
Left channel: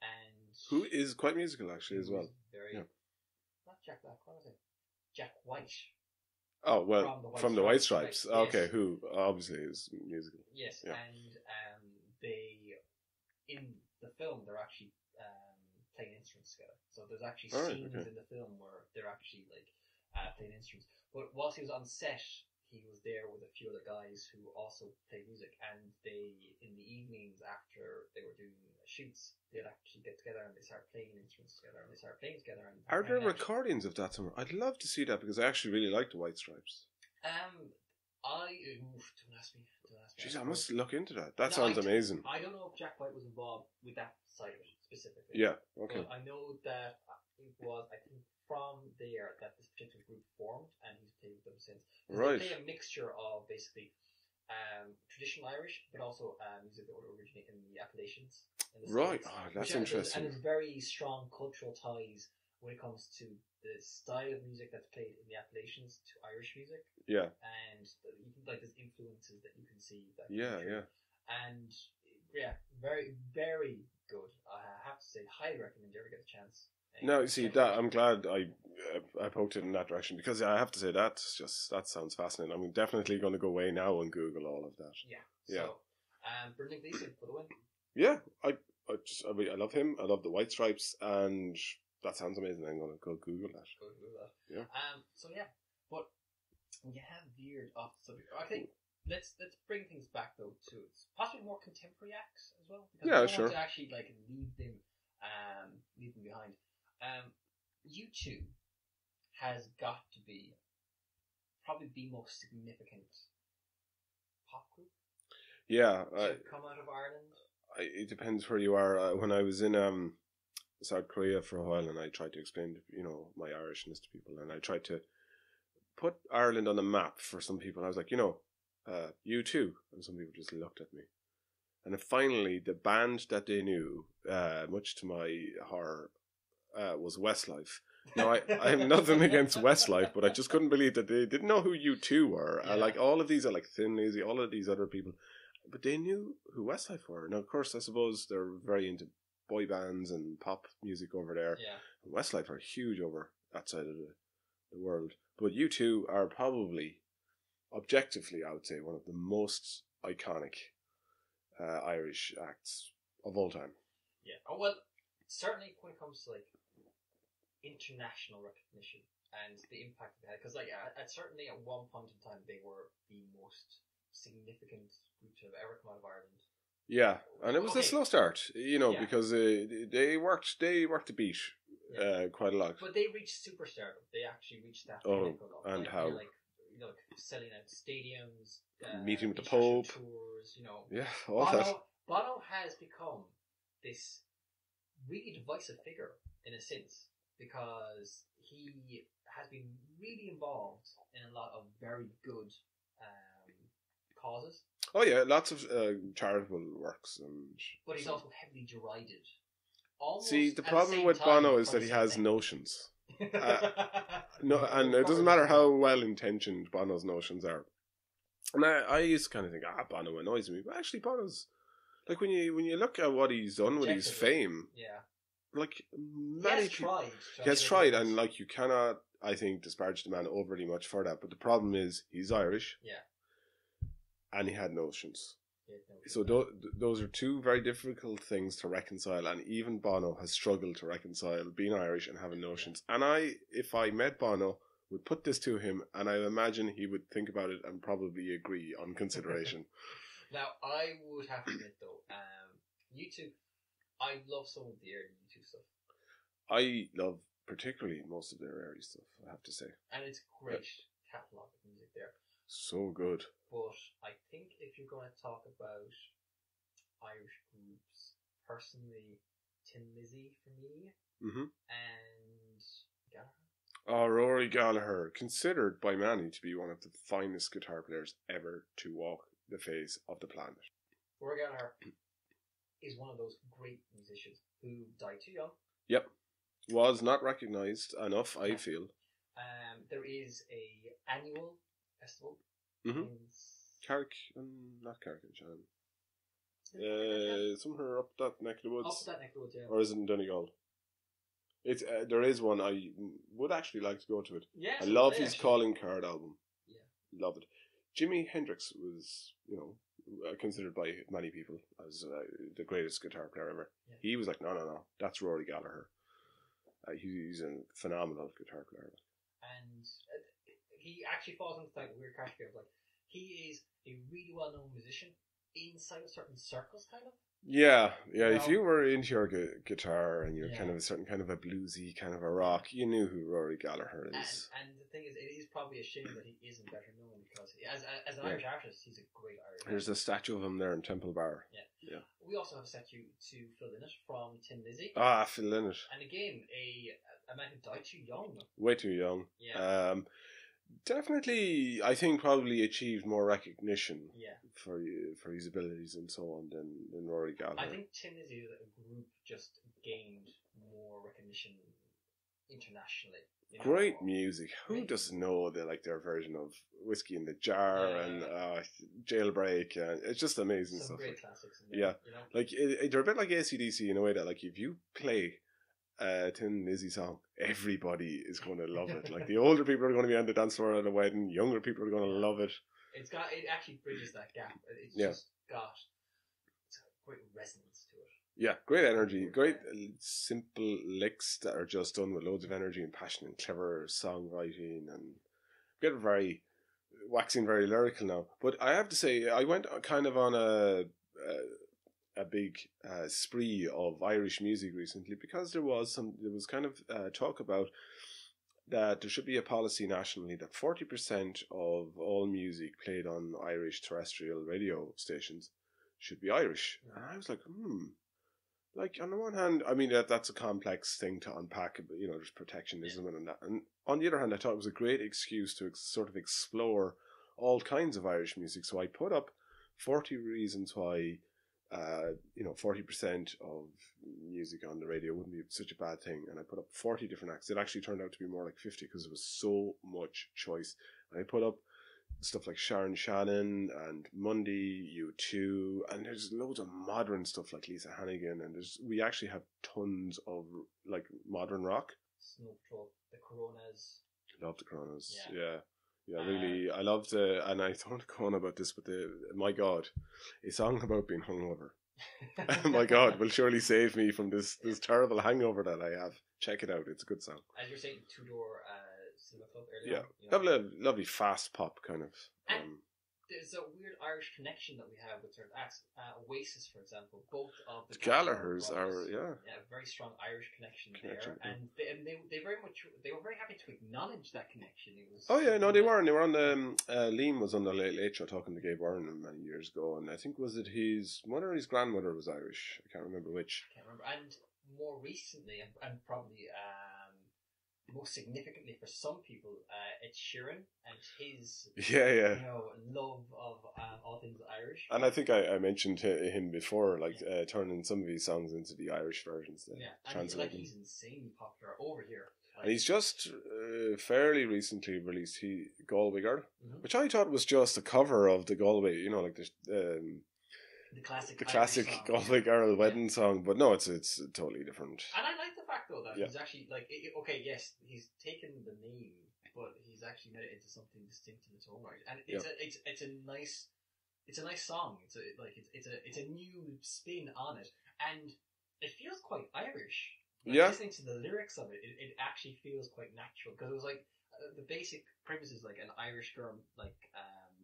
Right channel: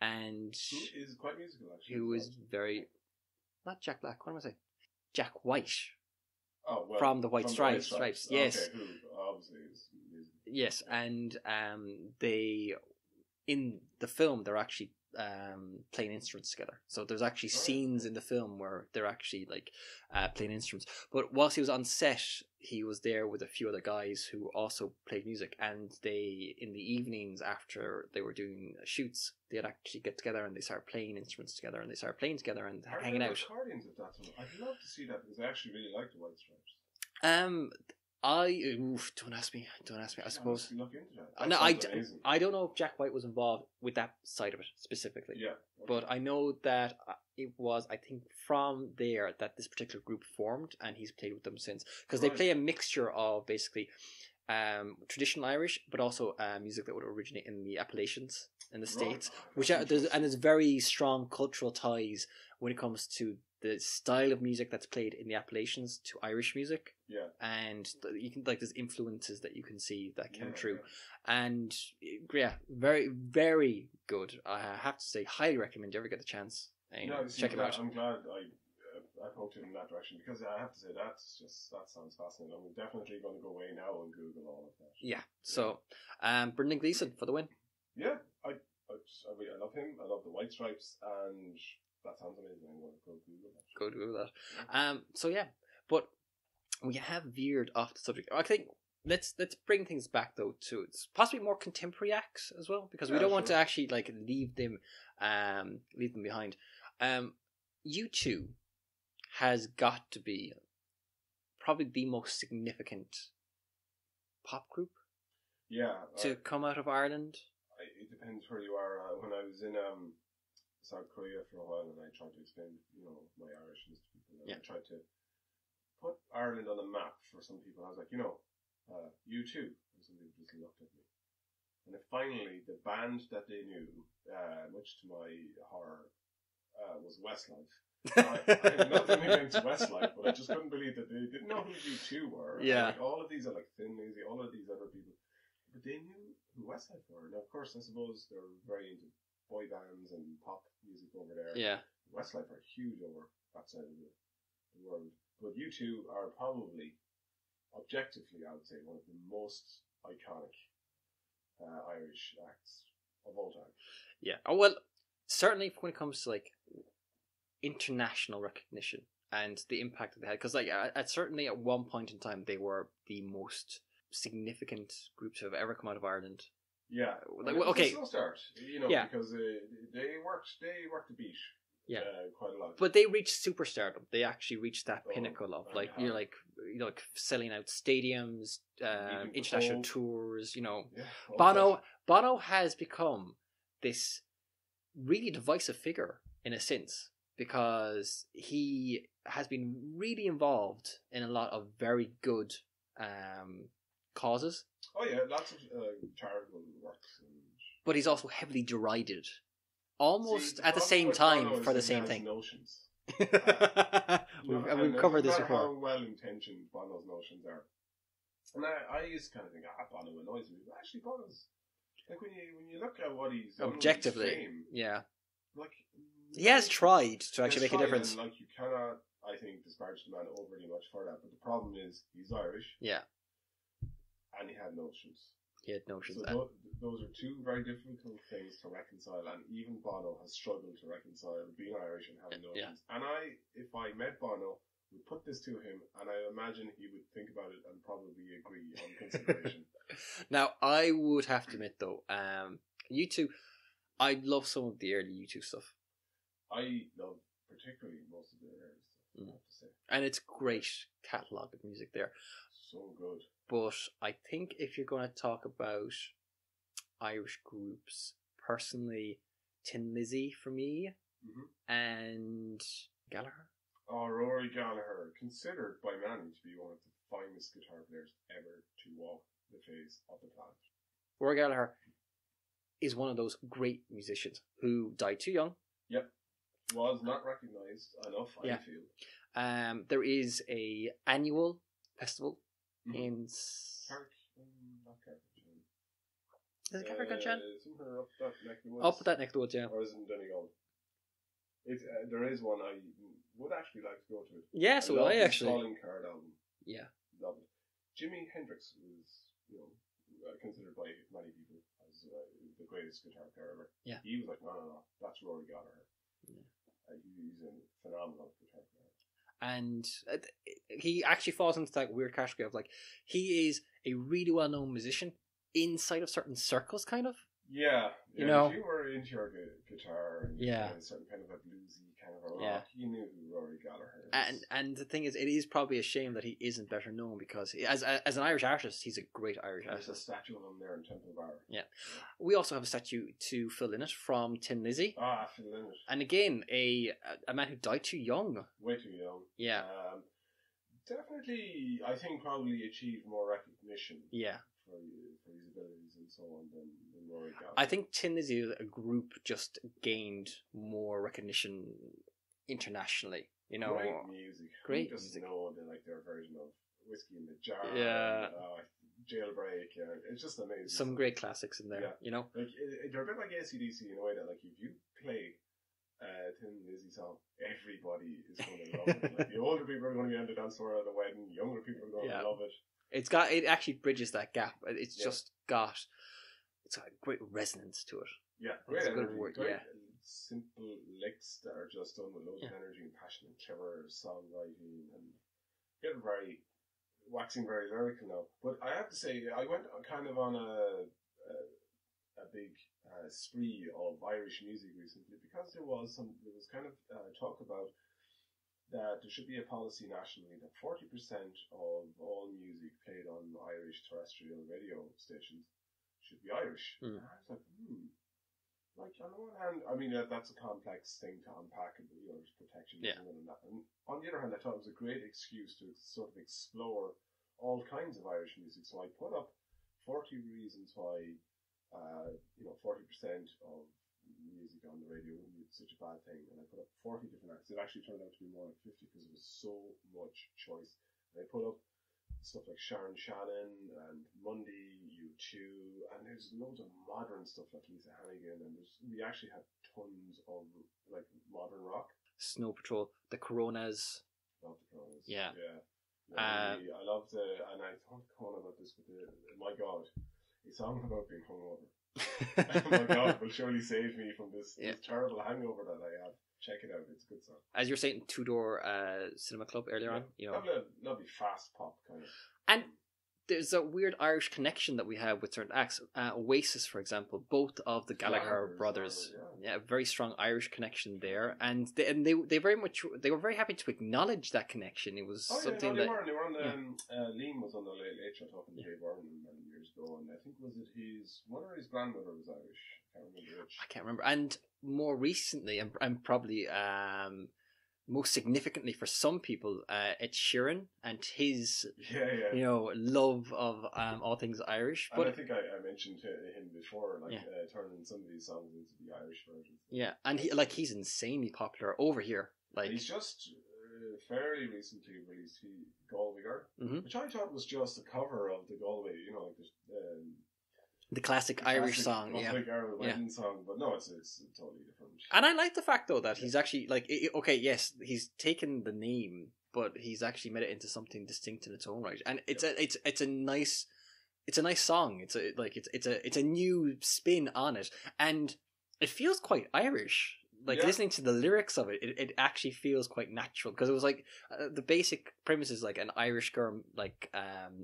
and Who is quite musical, actually, who as well. is very Yeah. not Jack Black. What am I saying? Jack White. Oh, well, From the White Stripes, yes. Okay, who obviously is musical. Yes, Yeah. and they in the film they're actually playing instruments together. So there's actually Alright, scenes okay. in the film where they're actually like playing instruments. But whilst he was on set, he was there with a few other guys who also played music, and they in the evenings after they were doing shoots, they'd actually get together and they start playing instruments together, and they start playing together and Are hanging there out. recordings of that somewhere? I'd love to see that because I actually really like the White Stripes. Don't ask me. Jeez, I must look into that. That No, sounds amazing. I don't know if Jack White was involved with that side of it specifically. Yeah, okay. But I know that it was, I think, from there that this particular group formed, and he's played with them since. Because they Right. play a mixture of basically traditional Irish, but also music that would originate in the Appalachians in the Right. States. Oh, that's Which and interesting. there's very strong cultural ties when it comes to the style of music that's played in the Appalachians to Irish music, Yeah, and you can like there's influences that you can see that come yeah, through. yeah. And yeah, very, very good. I have to say, highly recommend you ever get the chance. No, see check it that out. I'm glad I poked it in that direction because I have to say that sounds fascinating. I'm definitely going to go away now and Google all of that. Yeah. So, Brendan Gleeson for the win. Yeah, I love him. I love the White Stripes, and that sounds amazing. I'm going to go Google that. Go do that. Yeah. So yeah, but we have veered off the subject. I think let's bring things back though to it's possibly more contemporary acts as well, because we don't want to actually like leave them behind. U2 has got to be probably the most significant pop group Yeah, to come out of Ireland. it depends where you are. When I was in South Korea for a while, and I tried to explain, my Irishness to people, and I tried to put Ireland on the map for some people. I was like, U2, and some people just looked at me. And then finally, the band that they knew, much to my horror, was Westlife. Now, I have nothing against Westlife, but I just couldn't believe that they didn't know who U2 were. Yeah. And like all of these are like Thin Lizzy, all of these other people, but they knew who Westlife were. Now, of course, I suppose they're very into boy bands and pop music over there. Yeah. Westlife are huge over that side of the world. But U2 are probably, objectively, I would say, one of the most iconic Irish acts of all time. Yeah. Oh, well, certainly when it comes to like international recognition and the impact that they had, because like certainly at one point in time they were the most significant group to have ever come out of Ireland. Yeah, and it was a slow start, Yeah. because they worked the beat quite a lot. But they reached superstardom. They actually reached that Oh, pinnacle of and like how? you're like selling out stadiums, Meeting the international Pope. tours. Yeah, all Bono has become this really divisive figure in a sense, because he has been really involved in a lot of very good causes. Oh yeah, lots of charitable works. And But he's also heavily derided. see, Almost the at the problem same with time Bono is for the that he same has thing. notions. No, And it doesn't matter how well intentioned Bono's notions are. And I used to kind of think, Bono annoys me, but actually Bono's like when you look at what he's done with his fame, yeah, like he has tried to actually he has make tried, a difference. and like you cannot, I think, disparage the man overly much for that. But the problem is he's Irish, Yeah, and he had notions. he had notions. So those are two very difficult things to reconcile, and even Bono has struggled to reconcile being Irish and having notions. Yeah. And if I met Bono, would put this to him, and I imagine he would think about it and probably agree on consideration. Now, I would have to admit though, U2, I love some of the early U2 stuff. I love particularly most of their early stuff, I have to say. And it's great catalogue of music there. So good. But I think if you're going to talk about Irish groups, personally, Tin Lizzy for me, and Gallagher. Oh, Rory Gallagher, considered by many to be one of the finest guitar players ever to walk the face of the planet. Rory Gallagher is one of those great musicians who died too young. Yep. Was not recognised enough, I feel. There is a annual festival in not Carrick-on-Shannon. Is it Carrick-on-Shannon? Somewhere up that neck of the woods. Up that neck of the woods, yeah. Or is it in Donegal? It's there is one. I would actually like to go to it. Yes, I love his Calling Card album. Yeah, love it. Jimi Hendrix was, considered by many people as the greatest guitar player ever. Yeah, he was like, no, that's Rory Gallagher. He's a phenomenal guitar player. And he actually falls into that weird category of like he is a really well known musician inside of certain circles, kind of. Yeah. If you were into your guitar and you're kind of a certain kind of a bluesy kind of a rock, you knew who Rory Gallagher is. And the thing is, it is probably a shame that he isn't better known because as an Irish artist, he's a great Irish artist. There's a statue of him there in Temple Bar. Yeah. We also have a statue to Phil Lynott from Tin Lizzy. Phil Lynott. And again, a man who died too young. Way too young. Yeah. Definitely, I think probably achieved more recognition. Yeah. For his abilities and so on than Rory Gallagher. I think Tin Lizzy, a group, just gained more recognition internationally. Great music. Who doesn't know their version of Whiskey in the Jar and Jailbreak? And it's just amazing. Some great classics in there. Yeah. They're a bit like AC/DC in a way that if you play Tin Lizzy song, everybody is going to love it. Like the older people are going to be on the dance floor at a wedding, younger people are going to love it. It actually bridges that gap. It's just got a great resonance to it. Yeah, great energy, great simple licks that are just done with loads of energy and passion and clever songwriting and waxing very lyrical now. But I have to say, I went kind of on a big spree of Irish music recently because there was kind of talk about that there should be a policy nationally that 40% of all music played on Irish terrestrial radio stations should be Irish. And I was like, Like, on the one hand, I mean, that's a complex thing to unpack, but, there's protectionism and that. And on the other hand, I thought it was a great excuse to sort of explore all kinds of Irish music. So I put up 40 reasons why, 40% of music on the radio wouldn't be such a bad thing. And I put up 40 different acts. It actually turned out to be more like 50 because there was so much choice. And I put up stuff like Sharon Shannon and Mundy, U2, and there's loads of modern stuff like Lisa Hannigan, and we actually have tons of like modern rock. Snow Patrol, the Coronas. Love the Coronas. Yeah. Really, I loved and I don't go on about this, but my God, a song about being hungover. My God, will surely save me from this terrible hangover that I have. Check it out; it's a good song. As you were saying, Two Door Cinema Club earlier on. Lovely fast pop kind of. And there's a weird Irish connection that we have with certain acts. Oasis, for example, both of the Gallagher brothers. Very strong Irish connection there, and they were very happy to acknowledge that connection. It was they weren't. They were on the Liam was on the Late Show talking to Gabe Byrne many years ago, and I think was it his mother or his grandmother was Irish. I can't remember which. And more recently, and probably most significantly for some people, Ed Sheeran and his Yeah. love of all things Irish. And But, I think I mentioned him before, like turning some of these songs into the Irish versions. and he's insanely popular over here. Like, and he's just fairly recently released Galway Girl, Mhm. which I thought was just a cover of the Galway, like the classic the Irish classic song. Galway Girl wedding song. But no, it's totally different. And I like the fact though that he's actually like, okay, yes, he's taken the name, but he's actually made it into something distinct in its own right. And it's a nice song. It's a new spin on it, and it feels quite Irish. Like listening to the lyrics of it, it actually feels quite natural, because it was like the basic premise is like an Irish girl like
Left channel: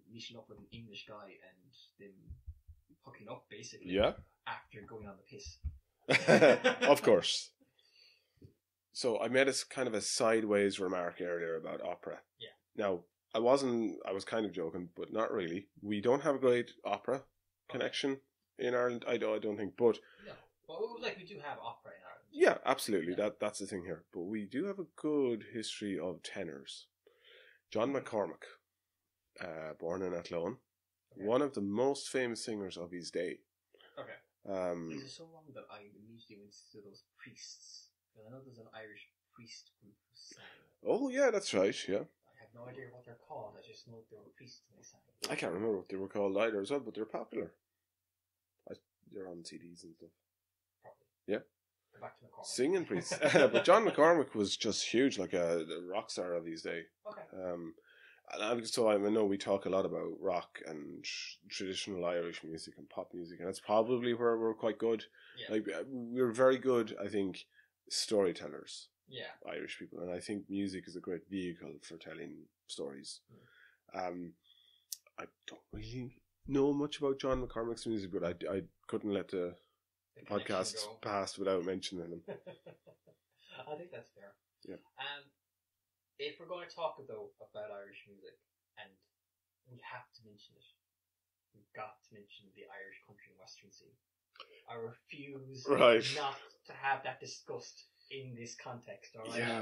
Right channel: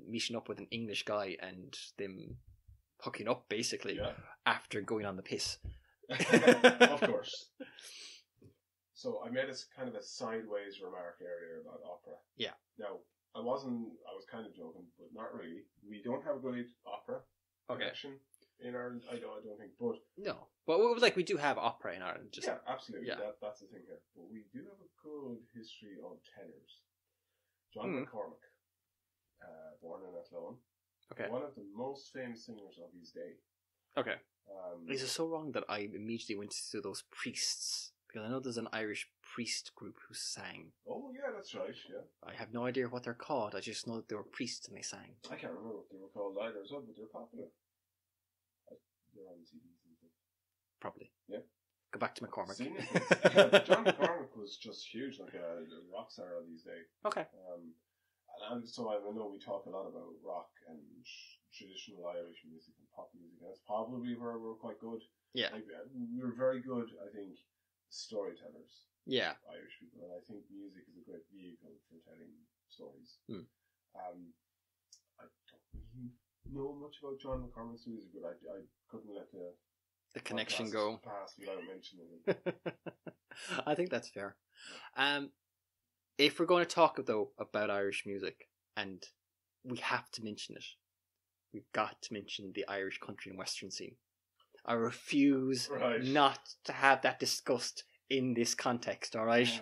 meeting up with an English guy and them hooking up basically after going on the piss. Of course. So I made a kind of a sideways remark earlier about opera. Yeah. Now I was kind of joking, but not really. We don't have a great opera connection in Ireland. I don't think, but no. But like we do have opera in Ireland. Yeah, absolutely. Yeah. That's the thing here. But we do have a good history of tenors. John McCormack, born in Athlone, one of the most famous singers of his day. Okay. Is it so wrong that I immediately went to those priests? Because I know there's an Irish priest group who sang. Oh, yeah, that's right, yeah. I have no idea what they're called. I just know that they were priests and they sang. I can't remember what they were called either as well, but they're popular. They're on CDs and stuff. Probably. Yeah. Go back to McCormack. Singing priest. But John McCormack was just huge, like a rock star of his day. Okay. So I know we talk a lot about rock and traditional Irish music and pop music, and that's probably where we're quite good. Yeah. Like, we're very good, I think, storytellers. Yeah. Irish people. And I think music is a great vehicle for telling stories. I don't really know much about John McCormack's music, but I couldn't let the connection go past without mentioning him. I think that's fair. Yeah. If we're going to talk though about Irish music, and we have to mention it, we've got to mention the Irish country and western scene. I refuse not to have that discussed in this context. All right. Yeah.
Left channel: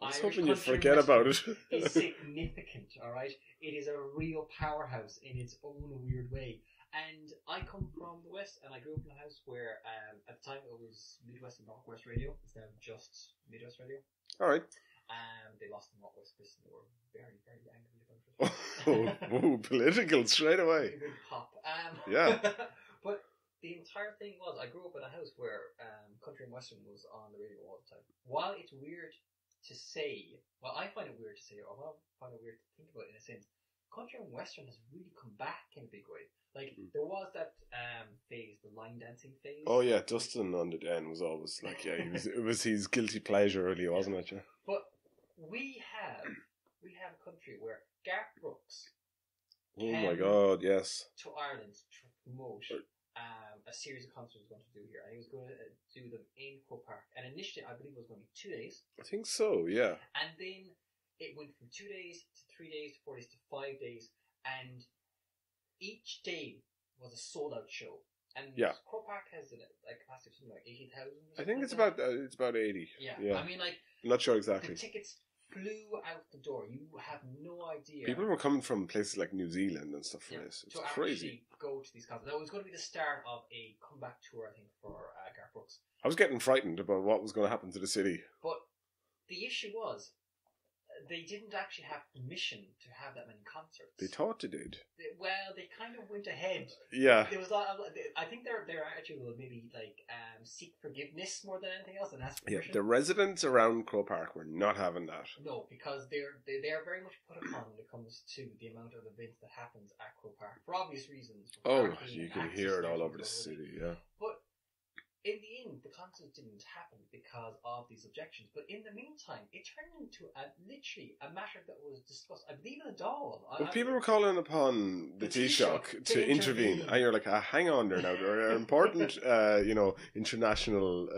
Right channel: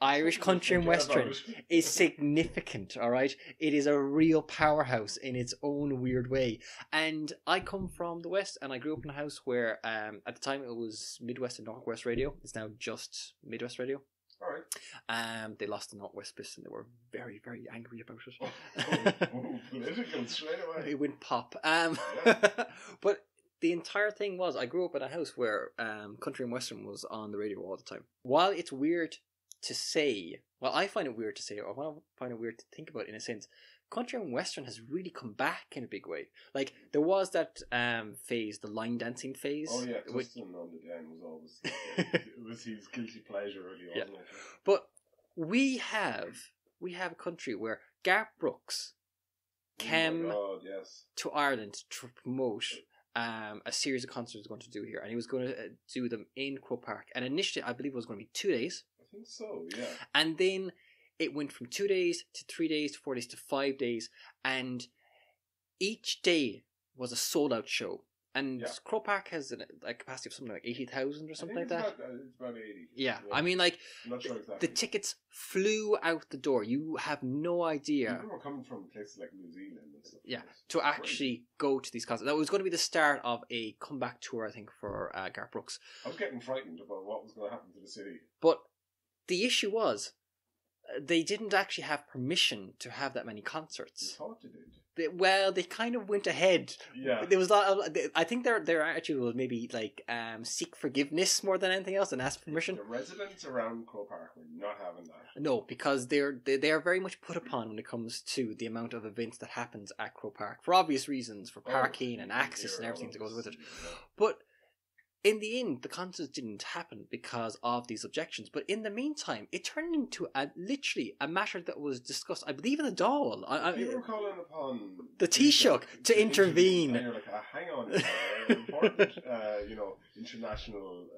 Irish country and western is significant, all right? It is a real powerhouse in its own weird way. And I come from the West, and I grew up in a house where at the time it was Midwest and Northwest Radio. It's now just Midwest Radio. All right. They lost the Northwest Bliss, and they were very, very angry about it. Oh, political straight away. It went pop. Yeah. But the entire thing was, I grew up in a house where country and western was on the radio all the time. While it's weird to say, well, I find it weird to say, or I find it weird to think about in a sense, country and western has really come back in a big way. Like, there was that phase, the line dancing phase. Oh yeah, Dustin on the Den was always like, it was his guilty pleasure, really, wasn't it? Yeah. But we have a country where Garth Brooks came to Ireland to promote a series of concerts he was going to do here, and he was going to do them in Croke Park. And initially, I believe it was going to be 2 days. I think so, yeah. And then it went from 2 days to 3 days to 4 days to 5 days, and each day was a sold-out show. And Croke Park has a capacity of something like 80,000 or something like that. I think it's about 80. Yeah. I mean, like, I'm not sure exactly. The tickets flew out the door. You have no idea. People were coming from places like New Zealand and stuff. Yeah, to actually go to these concerts. That was going to be the start of a comeback tour, I think, for Garth Brooks. I was getting frightened about what was going to happen to the city. But the issue was, they didn't actually have permission to have that many concerts. They thought they did. They kind of went ahead. Yeah. There was a lot of, I think their attitude was maybe like seek forgiveness more than anything else and ask permission. The residents around Croke Park were not having that. No, because they are very much put upon when it comes to the amount of events that happens at Croke Park for obvious reasons, for parking and access and everything that goes with it. Yeah. But in the end, the concerts didn't happen because of these objections. But in the meantime, it turned into literally a matter that was discussed, I believe, in the Dáil. People were calling upon the Taoiseach to intervene. And you're like, hang on there now. There are important, international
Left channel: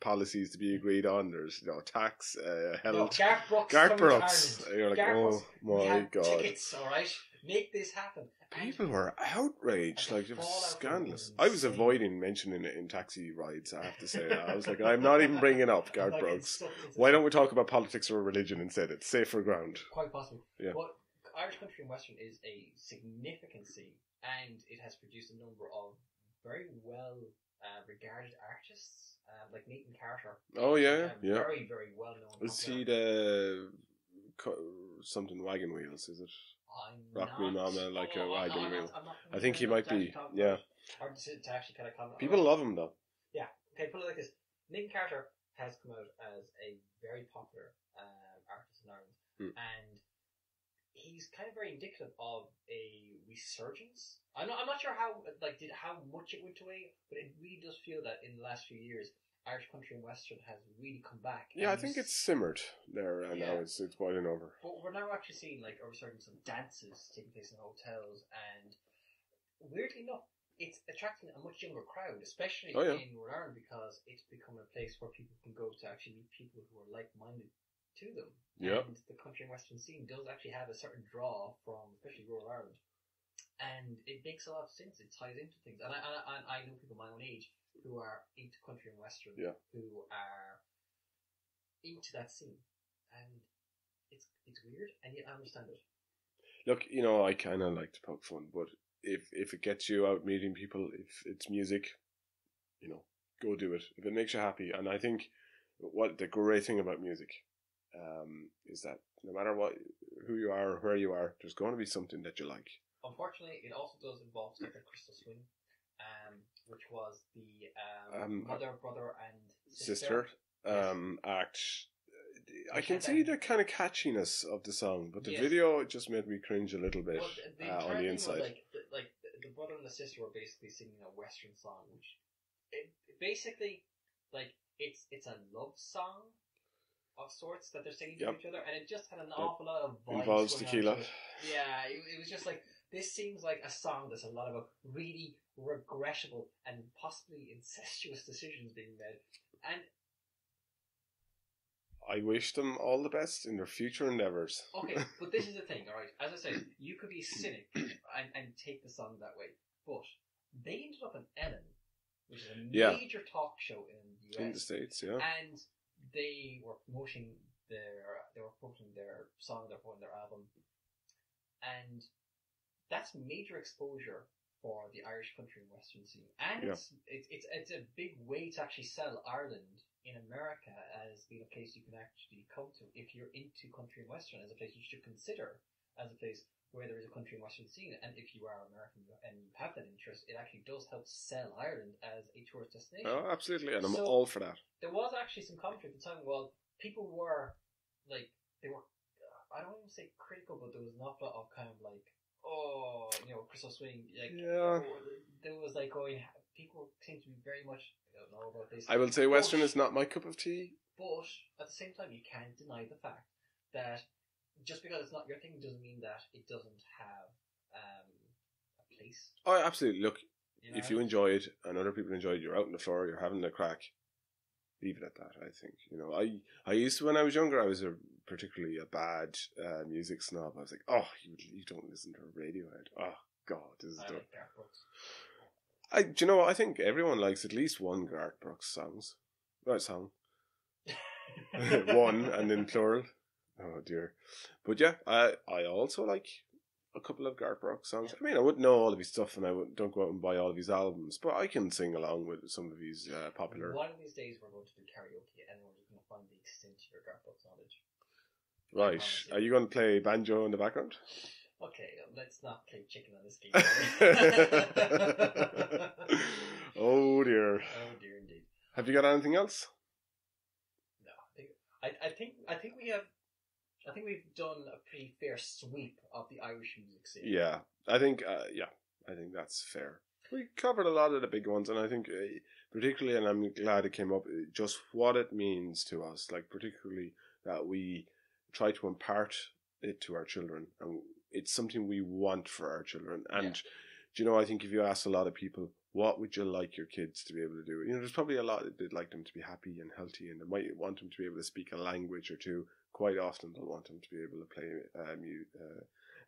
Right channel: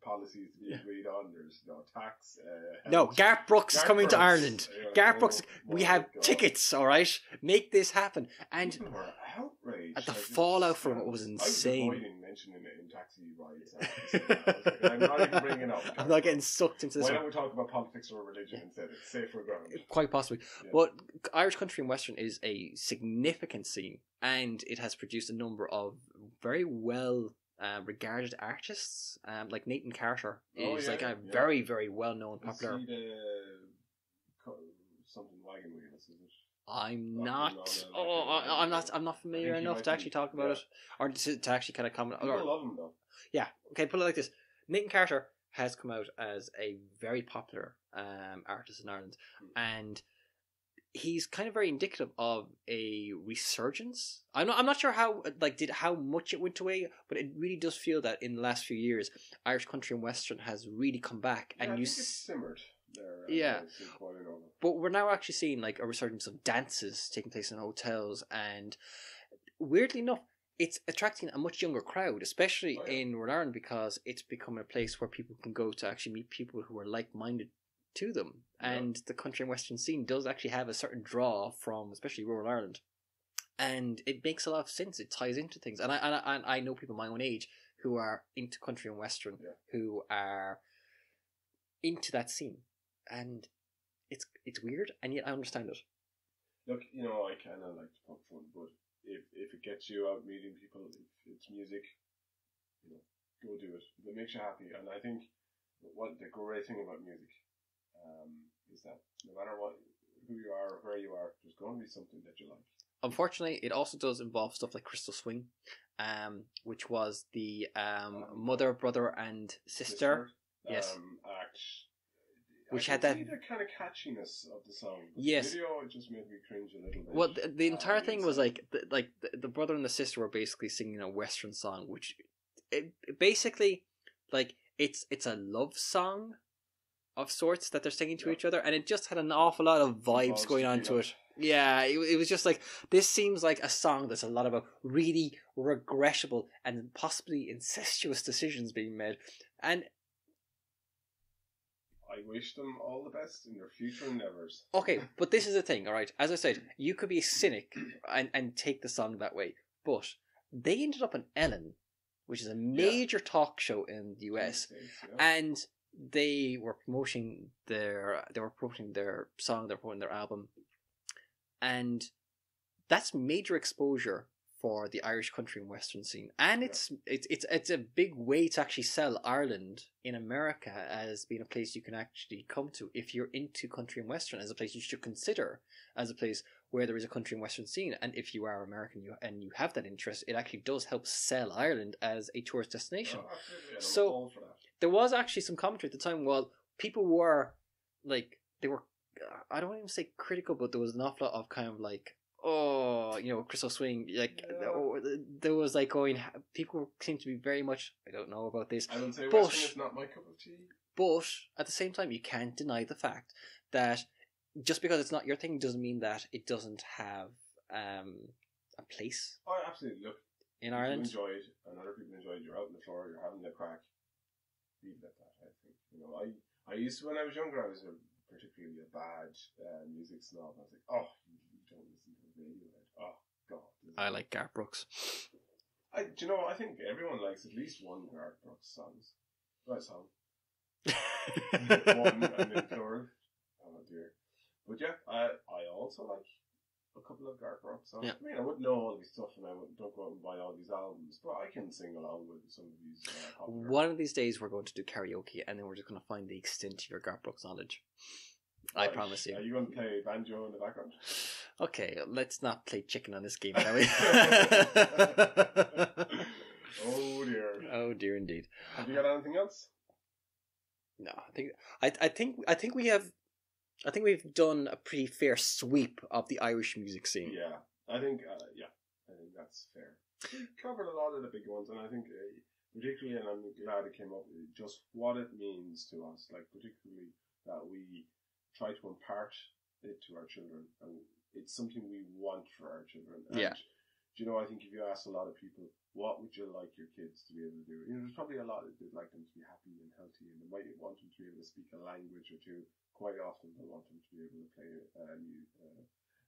policies to be agreed on. There's, tax, health. No, Garth Brooks is coming to Ireland. Like, Garth Brooks, we have tickets, all right? Make this happen. And people were outraged. The fallout from it was insane. I was avoiding mentioning it in taxi rides, I have to say. I was like, I'm not even bringing it up. I'm not getting sucked into this. Why don't we talk about politics or religion instead? It's safer ground. Quite possibly. Yeah. But Irish country and western is a significant scene, and it has produced a number of very well regarded artists, like Nathan Carter. Very, very well known. Is he the something wagon wheels? Is it? I'm Rock not. me mama, I'm not familiar I think he enough might to actually be. talk about it, or to actually kind of comment. People love him though. Yeah. Okay. Put it like this: Nathan Carter has come out as a very popular artist in Ireland, and he's kind of very indicative of a resurgence. I'm not sure how much it went away, but it really does feel that in the last few years, Irish country and western has really come back. Yeah, I think it's simmered there. Yeah, it's boiling over. But we're now actually seeing like a resurgence of dances taking place in hotels, and weirdly enough, it's attracting a much younger crowd, especially in Northern Ireland, because it's becoming a place where people can go to actually meet people who are like-minded to them. Yep. And the country and western scene does actually have a certain draw from especially rural Ireland, and it makes a lot of sense. It ties into things, and I know people my own age who are into country and western, who are into that scene, and it's weird, and yet I understand it. Look, I kind of like to poke fun, but if it gets you out meeting people, if it's music, go do it. If it makes you happy, and I think what the great thing about music is that no matter who you are or where you are, there's going to be something that you like. Unfortunately, it also does involve stuff like Crystal Swing, which was the mother, brother, and sister act. Which I can see the kind of catchiness of the song, but the video, it just made me cringe a little bit. Well, the entire thing was like the brother and the sister were basically singing a western song, which basically it's a love song of sorts that they're singing to each other, and it just had an awful lot of vibes going on to it. Yeah, it was just like, this seems like a song that's a lot about really regrettable and possibly incestuous decisions being made, and I wish them all the best in their future endeavours. Okay, but this is the thing, alright? As I said, you could be a cynic and take the song that way, but they ended up on Ellen, which is a major talk show in the US, in the States, and they were promoting their song, they were promoting their album, and that's major exposure for the Irish country and western scene, and it's a big way to actually sell Ireland in America as being a place you can actually come to if you're into country and western, as a place you should consider as a place where there is a country and western scene. And if you are American and you have that interest, it actually does help sell Ireland as a tourist destination. Oh, absolutely, and I'm all for that. There was actually some commentary at the time. Well, people were like, they were, I don't even say critical, but there was an awful lot of kind of like, Crystal Swing, there was like people seem to be very much, I don't know about this. I will say western is not my cup of tea. But at the same time, you can't deny the fact that just because it's not your thing doesn't mean that it doesn't have a place. Oh, absolutely. Look, if Ireland, you enjoy it and other people enjoy it, you're out on the floor, you're having a crack. Leave it at that, I think. I used to, when I was younger, I was particularly a bad music snob. I was like, oh, you don't listen to Radiohead. Oh, God. I like Garth Brooks. Do you know what? I think everyone likes at least one Garth Brooks song. One, and in plural. Oh, dear. But yeah, I also like a couple of Garth Brooks songs. Yeah. I mean, I wouldn't know all of his stuff, and I don't go out and buy all of his albums, but I can sing along with some of his popular. One of these days, we're going to do karaoke, and then we're just going to find the extent of your Garth Brooks knowledge. Right. I promise you. Are you going to play banjo in the background? Okay, let's not play chicken on this game, Oh dear. Oh dear, indeed. Have you got anything else? No, I think we've done a pretty fair sweep of the Irish music scene. Yeah, I think that's fair. We covered a lot of the big ones, and I think particularly, and I'm glad it came up, just what it means to us, like particularly that we try to impart it to our children, and it's something we want for our children. And I think if you ask a lot of people, what would you like your kids to be able to do? There's probably a lot that they'd like them to be happy and healthy, and they might want them to be able to speak a language or two. Quite often they'll want them to be able to play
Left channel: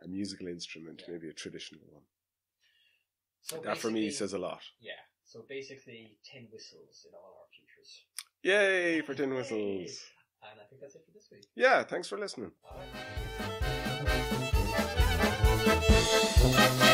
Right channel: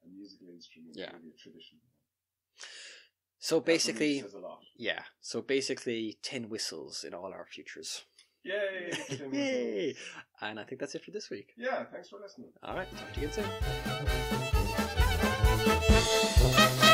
a musical instrument, maybe a traditional one. So That for me basically, says a lot. yeah. So basically, tin whistles in all our futures. Yay for tin Yay. whistles. And I think that's it for this week. Yeah, thanks for listening. All right. Talk to you again soon.